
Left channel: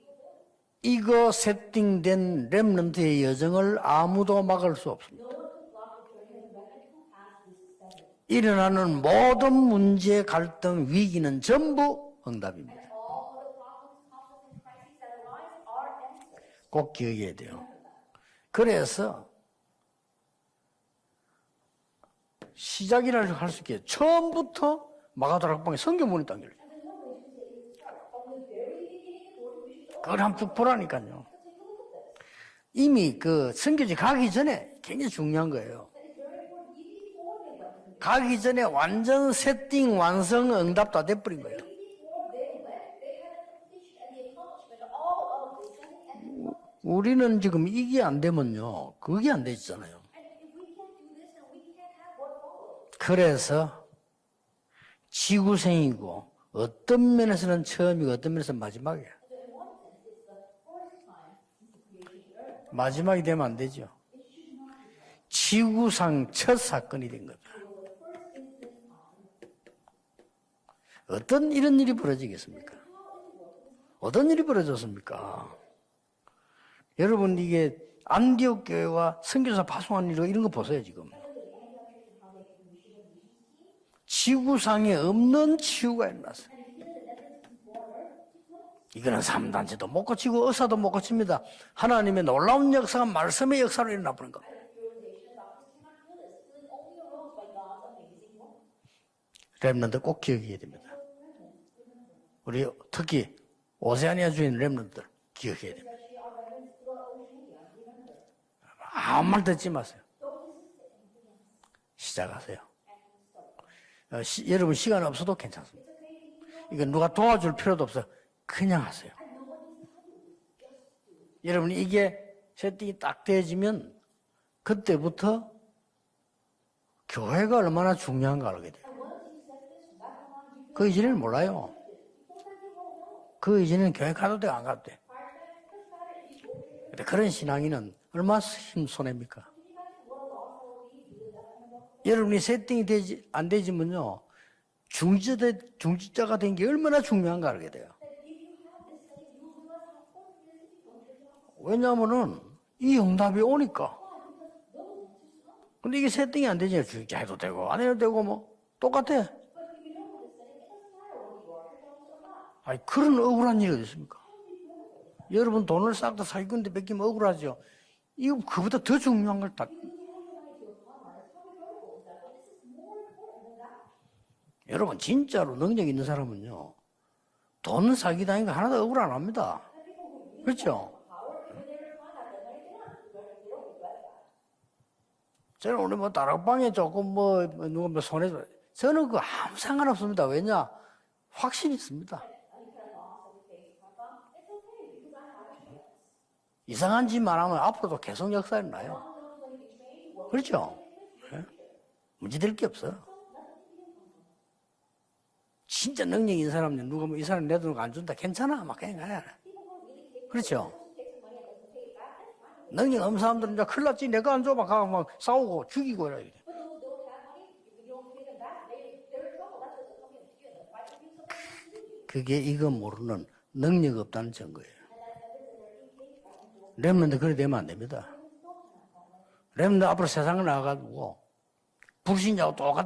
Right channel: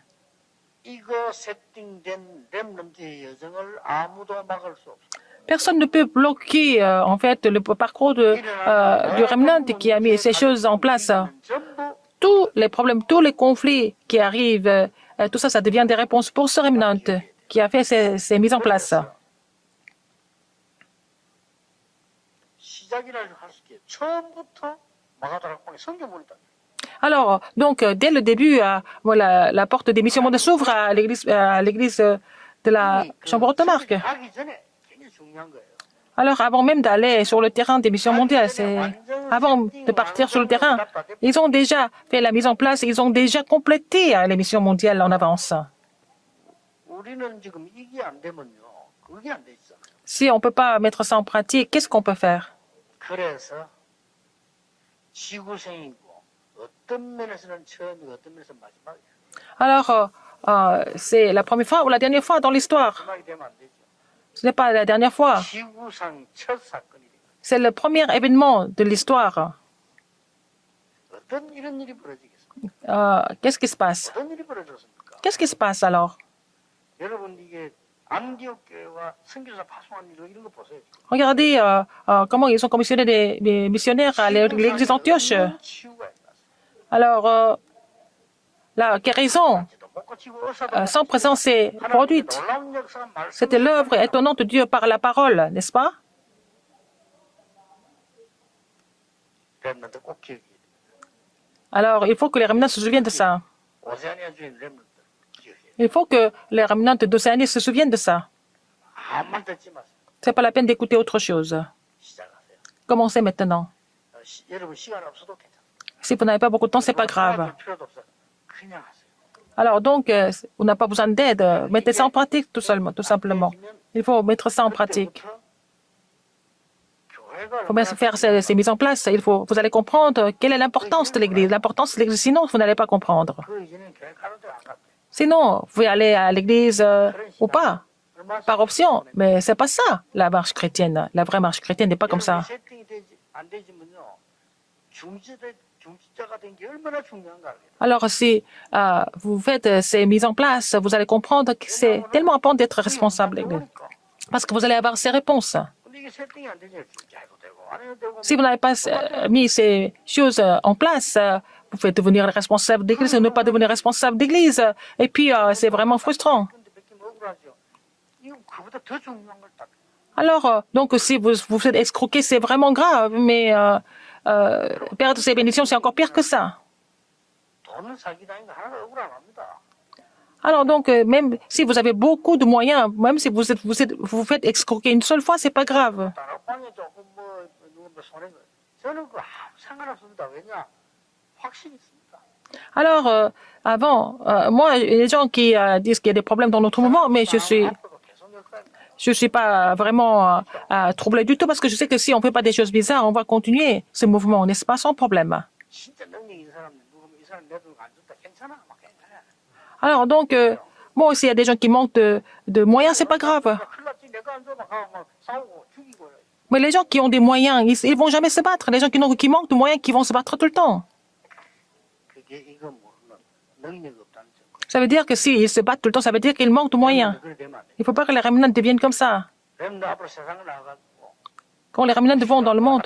이거 세팅된 렘넌트의 여정을 아무도 막을 수 없습니다. Personne ne peut bloquer en fait le parcours du remnant qui a mis ces choses en place. 위기는 전부 Tous les problèmes, tous les conflits qui arrivent, tout ça, ça devient des réponses pour ce remnant qui a fait ces mises en place. 그래서 시작이라 할 수 있게 처음부터 마가다락방에 성경문이 당겨요. Alors, donc, dès le début, voilà, la porte des missions mondiales s'ouvre à l'église de la 이미 그 Chambre haute marque. 성경이 가기 전에 굉장히 중요한 거예요. Alors, avant même d'aller sur le terrain des missions mondiales, avant de partir sur le terrain, ils ont déjà fait la mise en place, ils ont déjà complété les missions mondiales en avance. 우리는 지금 이게 안 되면요, 그게 안 되잖아요. Si on ne peut pas mettre ça en pratique, qu'est-ce qu'on peut faire? 그래서 지구생이고 어떤 면에서는 처음이고 어떤 면에서는 마지막이에요. Alors, c'est la première fois ou la dernière fois dans l'histoire? 마지막이 되면 안 되죠. Ce n'est pas la dernière fois. 지구상 첫 사건이 된 거예요. C'est le premier événement de l'histoire. 어떤 이런 일이 벌어지겠습니까? Qu'est-ce qui se passe? 어떤 일이 벌어졌습니까? Qu'est-ce qui se passe alors? 여러분 이게 안디옥 교회와 선교사 파송한 일 이런 거 보세요 지금. Regardez comment ils ont commissionné des missionnaires à l'église d'Antioche. 지구상에 없는 치유가 일어났어요. Alors, la guérison sans présence est produite. C'était l'œuvre étonnante de Dieu par la parole, n'est-ce pas? 렘넌트 꼭 기억해야 됩니다. Alors, il faut que les remnants se souviennent de ça. 오세아니아 주인 렘넌트 기억해야 돼요. Il faut que les remnants d'Océanie se souviennent de ça. 아무 말 듣지 마세요. C'est pas la peine d'écouter autre chose. 시작하세요. Commencez maintenant. 여러분 시간 없어도 괜찮습니다. Si vous n'avez pas beaucoup de temps, c'est pas grave. 도와줄 필요도 없어요. 그냥 하세요. Alors donc, on n'a pas besoin d'aide. Mettez ça en pratique tout simplement. Il faut mettre ça en pratique. 그때부터 교회가 Pour bien 얼마나 faire ces mises en place, vous allez comprendre quelle est l'importance de l'Église. L'importance de l'Église, sinon vous n'allez pas comprendre. 그 이제는 교회 가도 돼 안 가도 돼. Sinon, vous pouvez aller à l'Église ou pas, 얼마나 par option. Mais c'est pas ça, la marche chrétienne. La vraie marche chrétienne n'est pas comme ça. 여러분이 세팅이 안 되지면요. 중지자가 된 게 얼마나 중요한가 알게 돼요. Alors, si vous faites ces mises en place, vous allez comprendre que c'est tellement important d'être responsable. Parce que vous allez avoir ces réponses. 근데 이게 세팅이 안 되잖아요. 중지해도 되고 안 해도 되고. Si vous n'avez pas mis ces choses en place, vous pouvez devenir responsable d'église ou ne pas devenir responsable d'église. Et puis, c'est vraiment frustrant. 이거 그보다 더 중요한 걸 다. Alors, donc, si vous faites escroquer, c'est vraiment grave. Mais perdre ses bénédictions, c'est encore pire que ça. 돈 사기다니까 하나도 억울 안 합니다. Alors donc, même si vous avez beaucoup de moyens, même si vous faites escroquer une seule fois, c'est pas grave. 다락방에 조금 누가 손해 저는 그 아무 상관없습니다. 왜냐 확신이 있습니다. Alors, avant, moi, les gens qui disent qu'il y a des problèmes dans notre mouvement, mais je suis pas vraiment troublé du tout parce que je sais que si on fait pas des choses bizarres, on va continuer ce mouvement, n'est-ce pas, sans problème. 진짜 능력 있는 사람들 누가 뭐 이 사람 내 돈 안 준다 괜찮아 막 그냥 가야. Alors donc, bon, s'il y a des gens qui manquent de moyens, c'est pas grave. 큰일 났지 내가 안 줘 막 싸우고 죽이고 이래. Mais les gens qui ont des moyens, ils vont jamais se battre. Les gens qui manquent de moyens, qui vont se battre tout le temps. 그게 이거 모르는 능력 없다는 증거예요. Ça veut dire que s'ils se battent tout le temps, ça veut dire qu'ils manquent de moyens. 그래 되면 안 Il ne faut 됩니다. pas que les remnants deviennent comme ça. 렘너 앞으로 세상을 나가고 Quand les remnants vont dans le monde,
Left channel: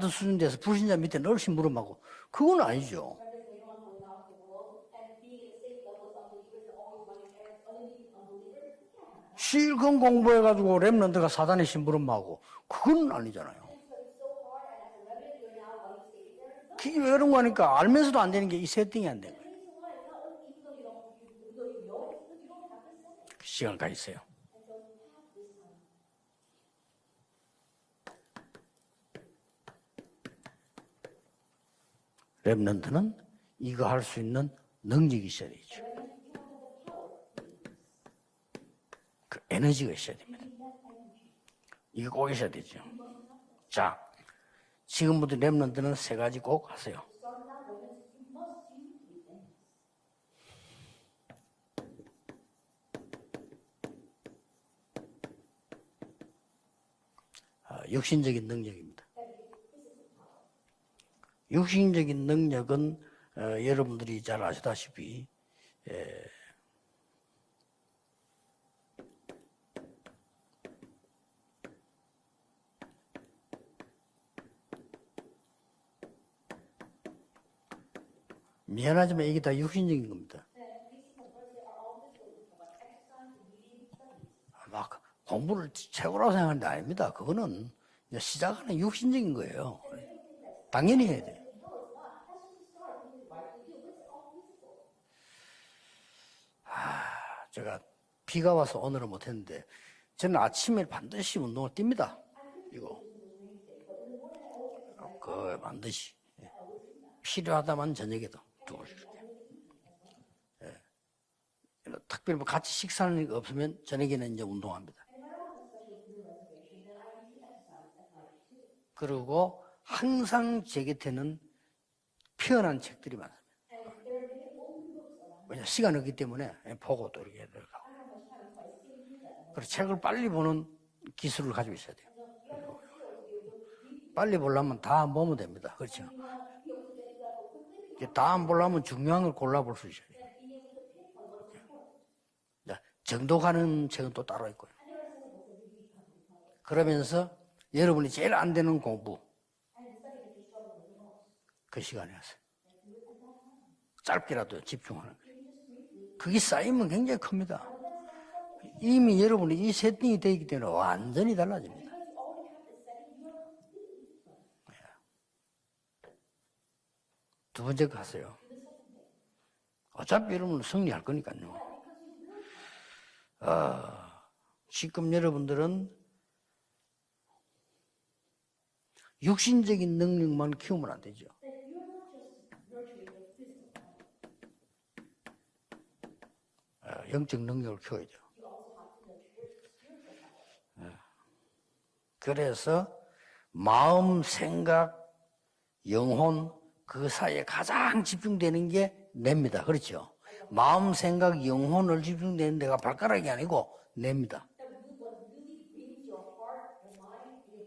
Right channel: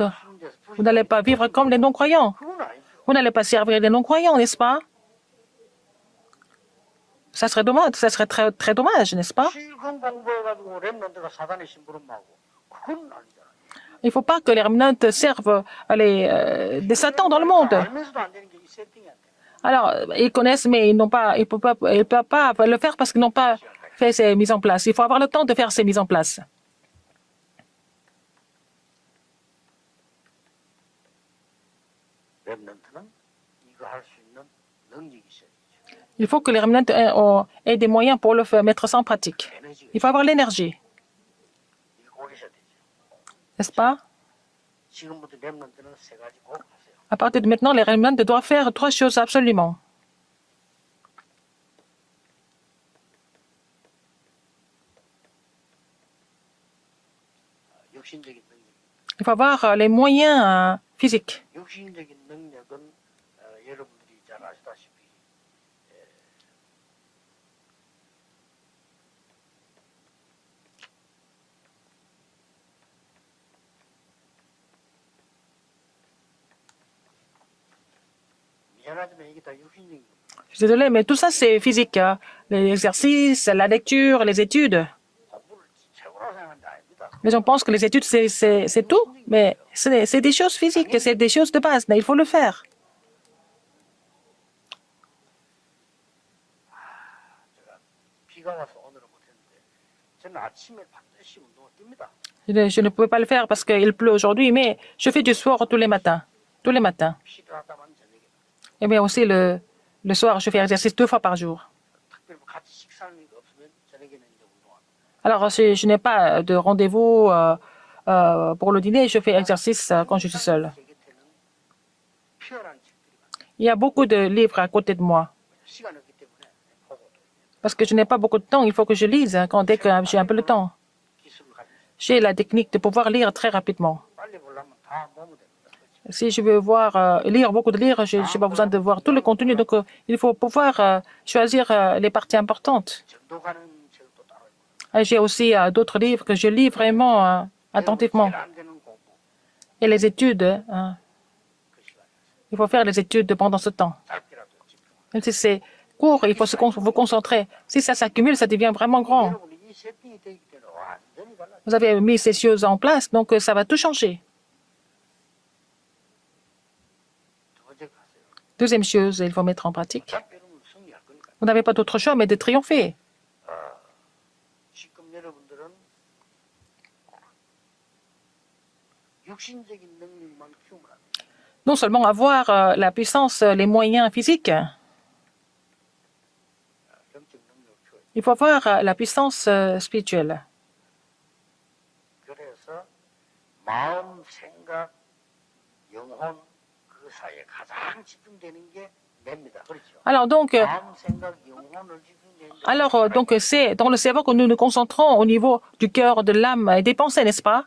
vous n'allez pas vivre comme les non-croyants. 그건 아니죠. Vous n'allez pas servir les non-croyants, n'est-ce pas? Ça serait dommage, ça serait très, très dommage, n'est-ce pas? 실컷 공부해가지고 렘넌트가 사단의 심부름하고 그건 아니잖아요. Il ne faut pas que les remnants servent des satans dans le monde. 알면서도 안 되는 게 이 세팅이 안 돼. Alors, ils connaissent, mais ils ne peuvent pas le faire parce qu'ils n'ont pas fait ces mises en place. Il faut avoir le temps de faire ces mises en place. 렘넌트는 이거 할 수 있는 능력이 있어야 되죠. Il faut que les remnants aient des moyens pour le faire, mettre ça en pratique. 에너지가 Il faut 있어요. avoir l'énergie, 이거 꼭 있어야 되죠. n'est-ce pas? 지금부터 렘넌트는 세 가지 꼭 하세요. À partir de maintenant, les remnants doivent faire 3 choses absolument. 육신적인 능력입니다. Il faut avoir les moyens physiques. 육신적인 능력은 여러분들이 잘 아시다시피 미안하지만 이게 다 육신적인 겁니다. Je suis désolée, mais tout ça, c'est physique. Les exercices, la lecture, les études. 공부를 최고라고 생각하는 게 아닙니다. Les gens pensent que les études, c'est tout, mais c'est des choses physiques, c'est des choses de base, mais il faut le faire. 제가 비가 와서 오늘은 못했는데 저는 아침에 반드시 운동을 뜁니다. Je ne pouvais pas le faire parce qu'il pleut aujourd'hui, mais je fais du sport tous les matins. Tous les matins. 필요하다만 저녁에도. Et bien aussi, le soir, je fais exercice 2 fois par jour. 특별히 뭐 같이 식사하는 게 없으면 저녁에는 이제 운동합니다. Alors, si je n'ai pas de rendez-vous pour le dîner, je fais exercice quand je suis seule. 제 곁에는 피어난 책들이 많아요. Il y a beaucoup de livres à côté de moi. 왜냐 시간 없기 때문에 보고 또 이렇게 해야 돼요. Parce que je n'ai pas beaucoup de temps, il faut que je lise dès que j'ai un peu le temps. 기술을 가지고 있어야 돼요. J'ai la technique de pouvoir lire très rapidement. 빨리 보려면 다 보면 됩니다. 그렇죠? Si je veux lire beaucoup de livres, je n'ai pas besoin de voir tout le contenu. Donc, il faut pouvoir choisir les parties importantes. 정도 가는 책은 또 따로 있고요. J'ai aussi d'autres livres que je lis vraiment 여러분이 attentivement. 제일 안 되는 공부 Et les études, 그 시간에 하세요. il faut faire les études pendant ce temps. 짧게라도 집중하는. Même si c'est court, il faut vous concentrer. Si ça s'accumule, ça devient vraiment 이미 grand. 여러분이 이 세팅이 되기 때문에 완전히 달라져요. Vous avez mis ces choses en place, donc ça va tout changer. 두 번째 거 하세요. Deuxième chose, il faut mettre en pratique. 어차피 여러분은 승리할 거니까요. Vous n'avez pas d'autre choix mais de triompher. 지금 여러분들은 육신적인 능력만 키우면 안 되죠. Non seulement avoir la puissance, les moyens physiques, 영적 능력을 키워야죠. il faut avoir la puissance spirituelle. 그래서 마음, 생각, 영혼 그 사이에 가장 집중되는 게 뇌입니다. 그렇죠? Alors donc, 마음, 생각, 영혼을 집중되는데 c'est dans le cerveau que nous nous concentrons au niveau du cœur, de l'âme et des pensées, n'est-ce pas?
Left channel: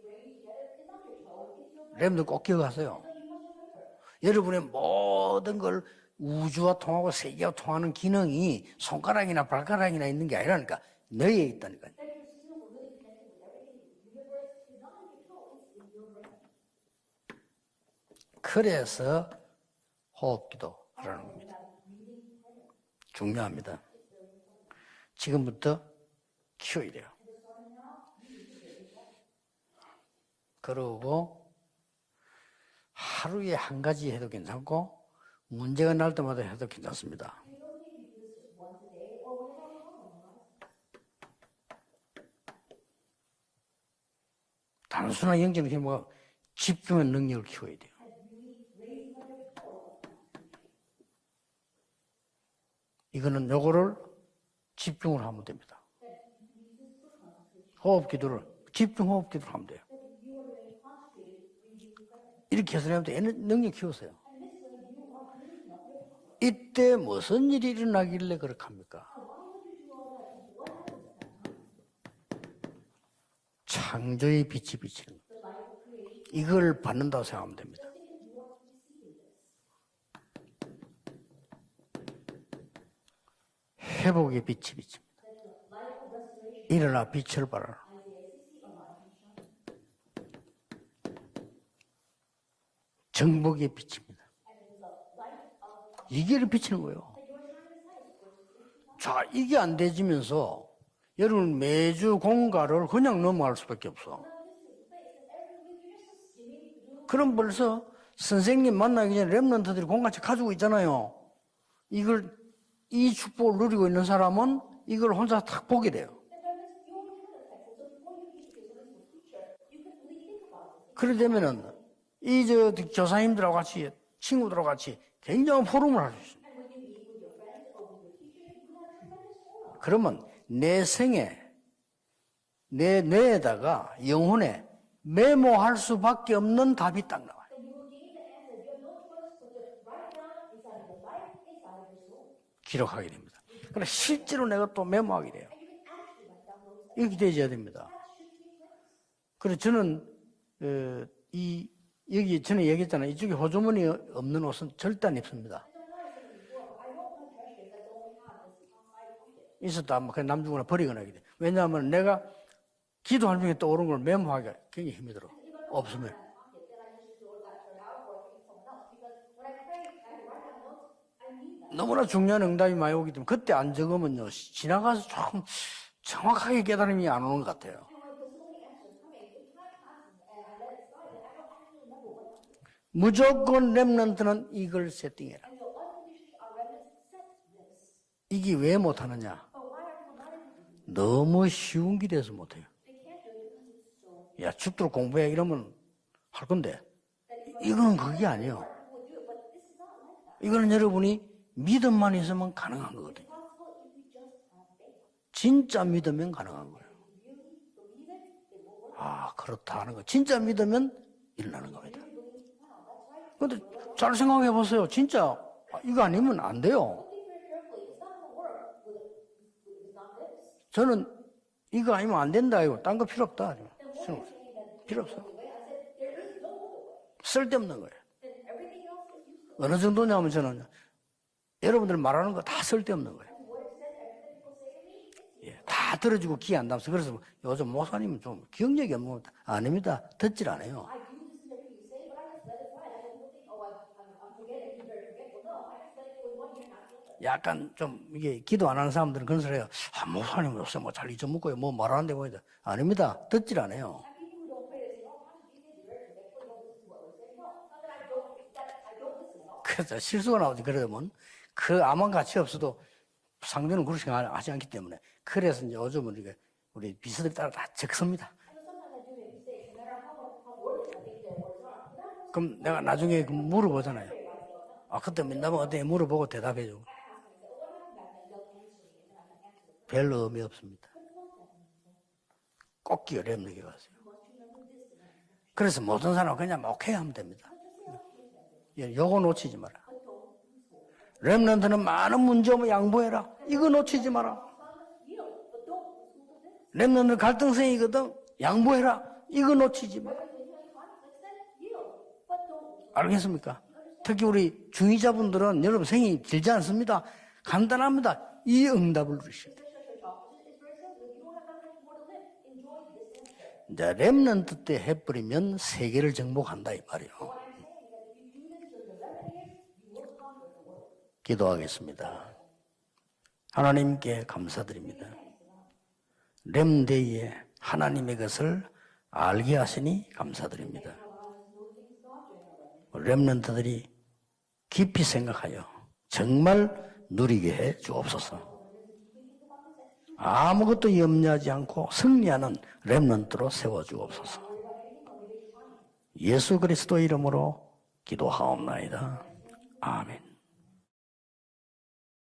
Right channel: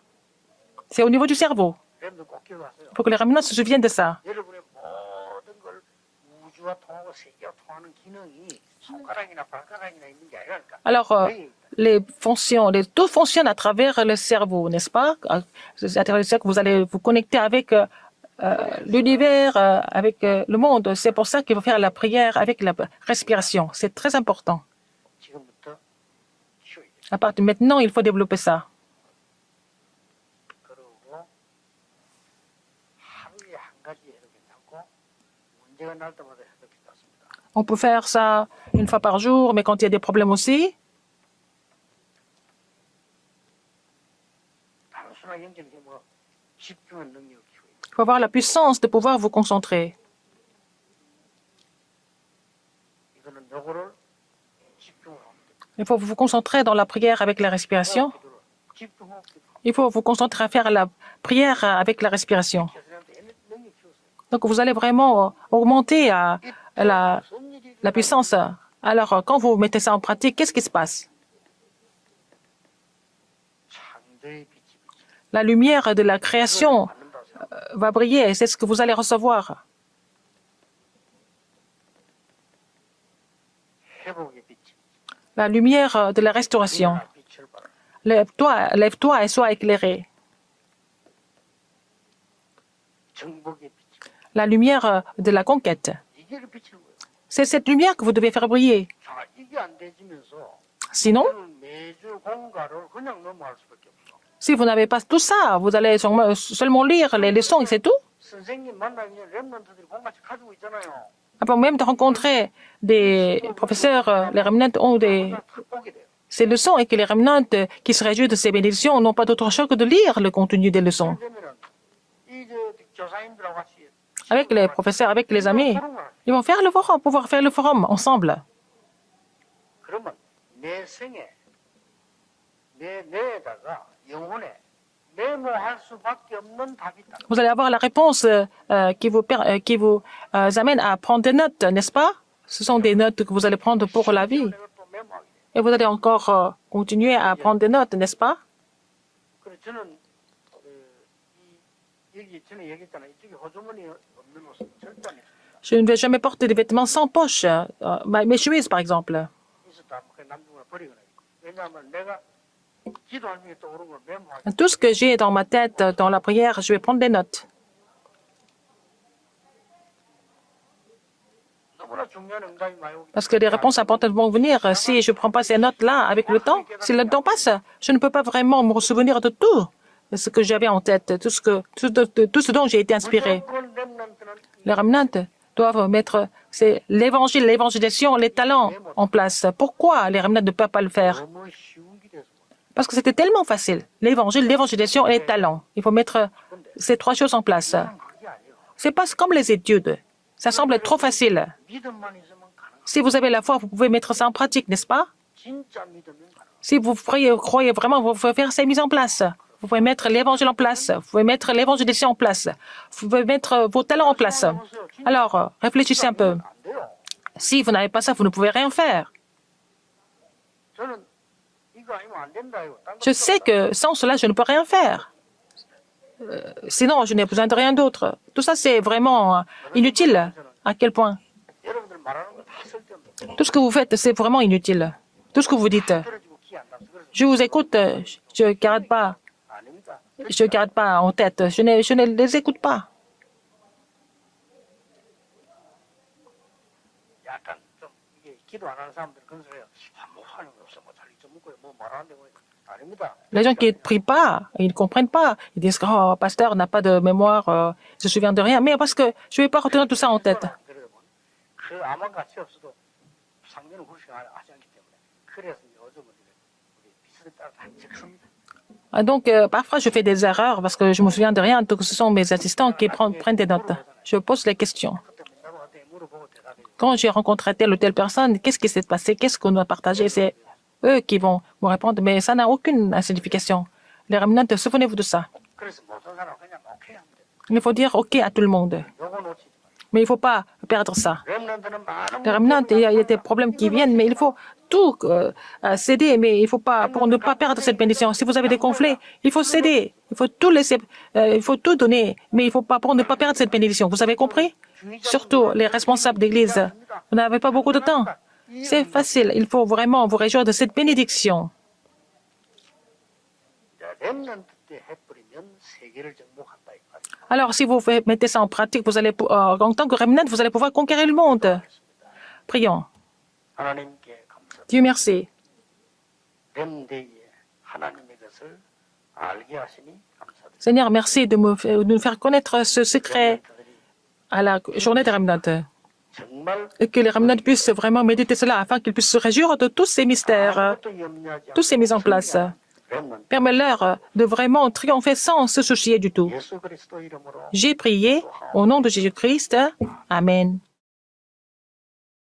C'est au niveau du cerveau. 여러분들 꼭 기억하세요. Il faut que les remnants se souviennent de ça. 여러분의 모든 걸 우주와 통하고 세계와 통하는 기능이 손가락이나 발가락이나 있는 게 아니라니까. Alors, 뇌에 있다는. tout fonctionne à travers le cerveau, n'est-ce pas? C'est à travers le cerveau que vous allez vous connecter avec l'univers, avec le monde. C'est pour ça qu'il faut faire la prière avec la respiration. C'est très important. 지금부터 키워야 돼요. À partir de maintenant, il faut développer ça. 그러고 하루에 한 가지 해도 괜찮고 문제가 날 때마다 해도 괜찮습니다. On peut faire ça une fois par jour, mais quand il y a des problèmes aussi, 단순한 영적인 힘과 집중한 능력을 키워야 돼요. il faut avoir la puissance de pouvoir vous concentrer. 이거는 요거를 집중을 하면 됩니다. Il faut vous concentrer dans la prière avec la respiration. 기도를 집중호흡 기도를 합니다. Il faut vous concentrer à faire la prière avec la respiration. 이렇게 해서 능력 키우세요. Donc vous allez vraiment augmenter 이때 la 무슨 일이 la puissance. 일어나길래 그렇게 합니까? Alors, quand vous mettez ça en pratique, qu'est-ce qui se passe? 창조의 빛이 비칠 La lumière de la 이걸 création 받는다고 생각합니다. va briller et c'est ce que vous allez recevoir. 회복의 빛이 비칩니다. La lumière de la restauration. 일어나 빛을 발하라. Lève-toi et sois éclairé. 정복의 빛입니다. La lumière de la conquête. 이게 비치는 거예요. C'est cette lumière que vous devez faire briller. 자, 이게 안 되지면서 Sinon, 여러분 매주 공가를 그냥 넘어갈 수밖에 없어. si vous n'avez pas tout ça, vous allez seulement lire les leçons et c'est tout. 선생님 만나기 전에 랩런트들이 공같이 가지고 있잖아요. Avant même de rencontrer des professeurs, les remnants ont 이걸 des, 혼자 탁 보게 돼요. ces leçons et que les remnants qui se réjouissent de ces bénédictions n'ont pas d'autre choix que de lire le contenu des leçons. 그래 되면은 이저 교사님들하고 같이 Avec les professeurs, avec les amis, ils vont faire le forum, pouvoir faire le forum ensemble. 그러면 내 생에 내 뇌에다가 영혼에 메모할 수밖에 없는 답이 있다. Vous allez avoir la réponse qui vous amène à prendre des notes, n'est-ce pas? Ce sont des notes que vous allez prendre pour la vie. 실제로 내가 또 메모하게 돼요. Et vous allez encore continuer à prendre des notes, n'est-ce pas? 그래서 저는 여기 전에 얘기했잖아요. 이쪽에 호주머니 없는 옷은 절대 안 입습니다. Je ne vais jamais porter des vêtements sans poche. Mes chemises, par exemple. 있었다 하면 그냥 남주거나 버리거나 하게 돼. 왜냐하면 내가 기도할 중에 떠오른 걸 메모하게. Tout ce que j'ai dans ma tête, dans la prière, je vais prendre des notes. 너무나 중요한 응답이 많이 오기 Parce que les réponses importantes vont venir. Si je ne prends pas ces notes-là avec le temps, si le temps passe, je ne peux pas vraiment me souvenir de tout ce que j'avais en tête, tout ce dont j'ai été inspiré. 무조건 렘넌트는 Les remnants doivent mettre l'évangile, l'évangélisation, les talents en place. Pourquoi les remnants ne peuvent pas le faire? 너무 쉬운 길에서 못해요. Parce que c'était tellement facile. L'évangile, l'évangélisation et les talents. Il faut mettre 할 건데 ces trois choses en place. 이건 그게 아니에요. C'est pas comme les études. Ça semble trop facile. 믿음만 있으면 가능합니다. Si vous avez la foi, vous pouvez mettre ça en pratique, n'est-ce pas? 진짜 믿으면 가능합니다. Si vous croyez vraiment, vous pouvez faire ces mises en place. Vous pouvez mettre l'évangile en place. Vous pouvez mettre l'évangélisation en place. Vous pouvez mettre vos talents en place. Alors, réfléchissez un peu. 안 돼요. Si vous n'avez pas ça, vous ne pouvez rien faire. 저는 이거 아니면 안 된다 이거. 딴거 Je 필요 sais 없다. que sans cela, je ne peux rien faire. Sinon, je n'ai besoin de rien d'autre. Tout ça, c'est vraiment inutile. À quel point? 여러분들 말하는 거 다 쓸데없는 거예요. Tout ce que vous faites, c'est vraiment inutile. Tout ce que vous dites. 다 들어주고 귀 안 담서. 그래서 Je vous écoute, je garde pas. 아닙니다. Je ne garde pas en tête. Je ne les écoute pas. 약간 좀 이게 기도 안 하는 사람들은 그런 소리 해요. 아, 목사님 요새 뭐잘 잊어먹고요. 뭐 말하는데 뭐이다. 아닙니다. Les gens qui 듣지를 ne 않아요. prient pas, ils ne comprennent pas. Ils disent, oh, pasteur n'a pas de mémoire, je me souviens de rien. Mais parce que je ne vais pas retenir tout ça en tête. 실수가 나오지. 그러면 그 아무 가치 없어도 상대는 그렇게 하지 않기 때문에 그래서 이제 요즘은 우리 비서들 따라 다 적습니다. Donc, parfois, je fais des erreurs parce que je me souviens de rien. Donc, ce sont mes assistants qui prennent des notes. Je pose les questions. 아, 그때 민담은 어떻게 물어보고 대답해줘. Quand j'ai rencontré telle ou telle personne, qu'est-ce qui s'est passé? Qu'est-ce qu'on doit partager? C'est eux qui vont me répondre. Mais ça n'a aucune signification. Les remnants, souvenez-vous de ça. 그래서 모든 사람 그냥 오케이 하면 됩니다. Il faut dire OK à tout le monde. 요거 놓치지 마라. Mais il ne faut pas perdre ça. 렘넌트는 많은 Les remnants, il y a des 양보해라. problèmes qui 이거 viennent, mais 놓치지 il faut 마라. tout céder, mais il faut pas, pour ne pas perdre cette bénédiction. Si vous avez des conflits, il faut céder, il faut tout laisser, il faut tout donner, mais il faut pas, pour ne pas perdre cette bénédiction. Vous avez compris? Surtout les responsables d'église. Vous n'avez pas beaucoup de temps. C'est facile. Il faut vraiment vous réjouir de cette bénédiction. 이제 렘넌트 때 해버리면 세계를 정복한다 이 말이에요. Alors, si vous mettez ça en pratique, vous allez, en tant que remnant, vous allez pouvoir conquérir le monde. 기도하겠습니다. Prions. 하나님께 Dieu 감사드립니다. merci. 렘데이에 하나님의 것을 알게 하시니 감사드립니다. Seigneur, merci de nous faire connaître ce secret 렘넌트들이 à la journée des remnants. 정말 Et que les remnants 누리게 puissent vraiment méditer cela afin qu'ils puissent se réjouir de tous ces mystères. 아무것도 염려하지 Tous ces mises en 않고 place. 승리하는 렘넌트로 Permets-leur de vraiment triompher sans se soucier du tout. 예수 그리스도 이름으로 J'ai prié au nom de Jésus-Christ. Amen.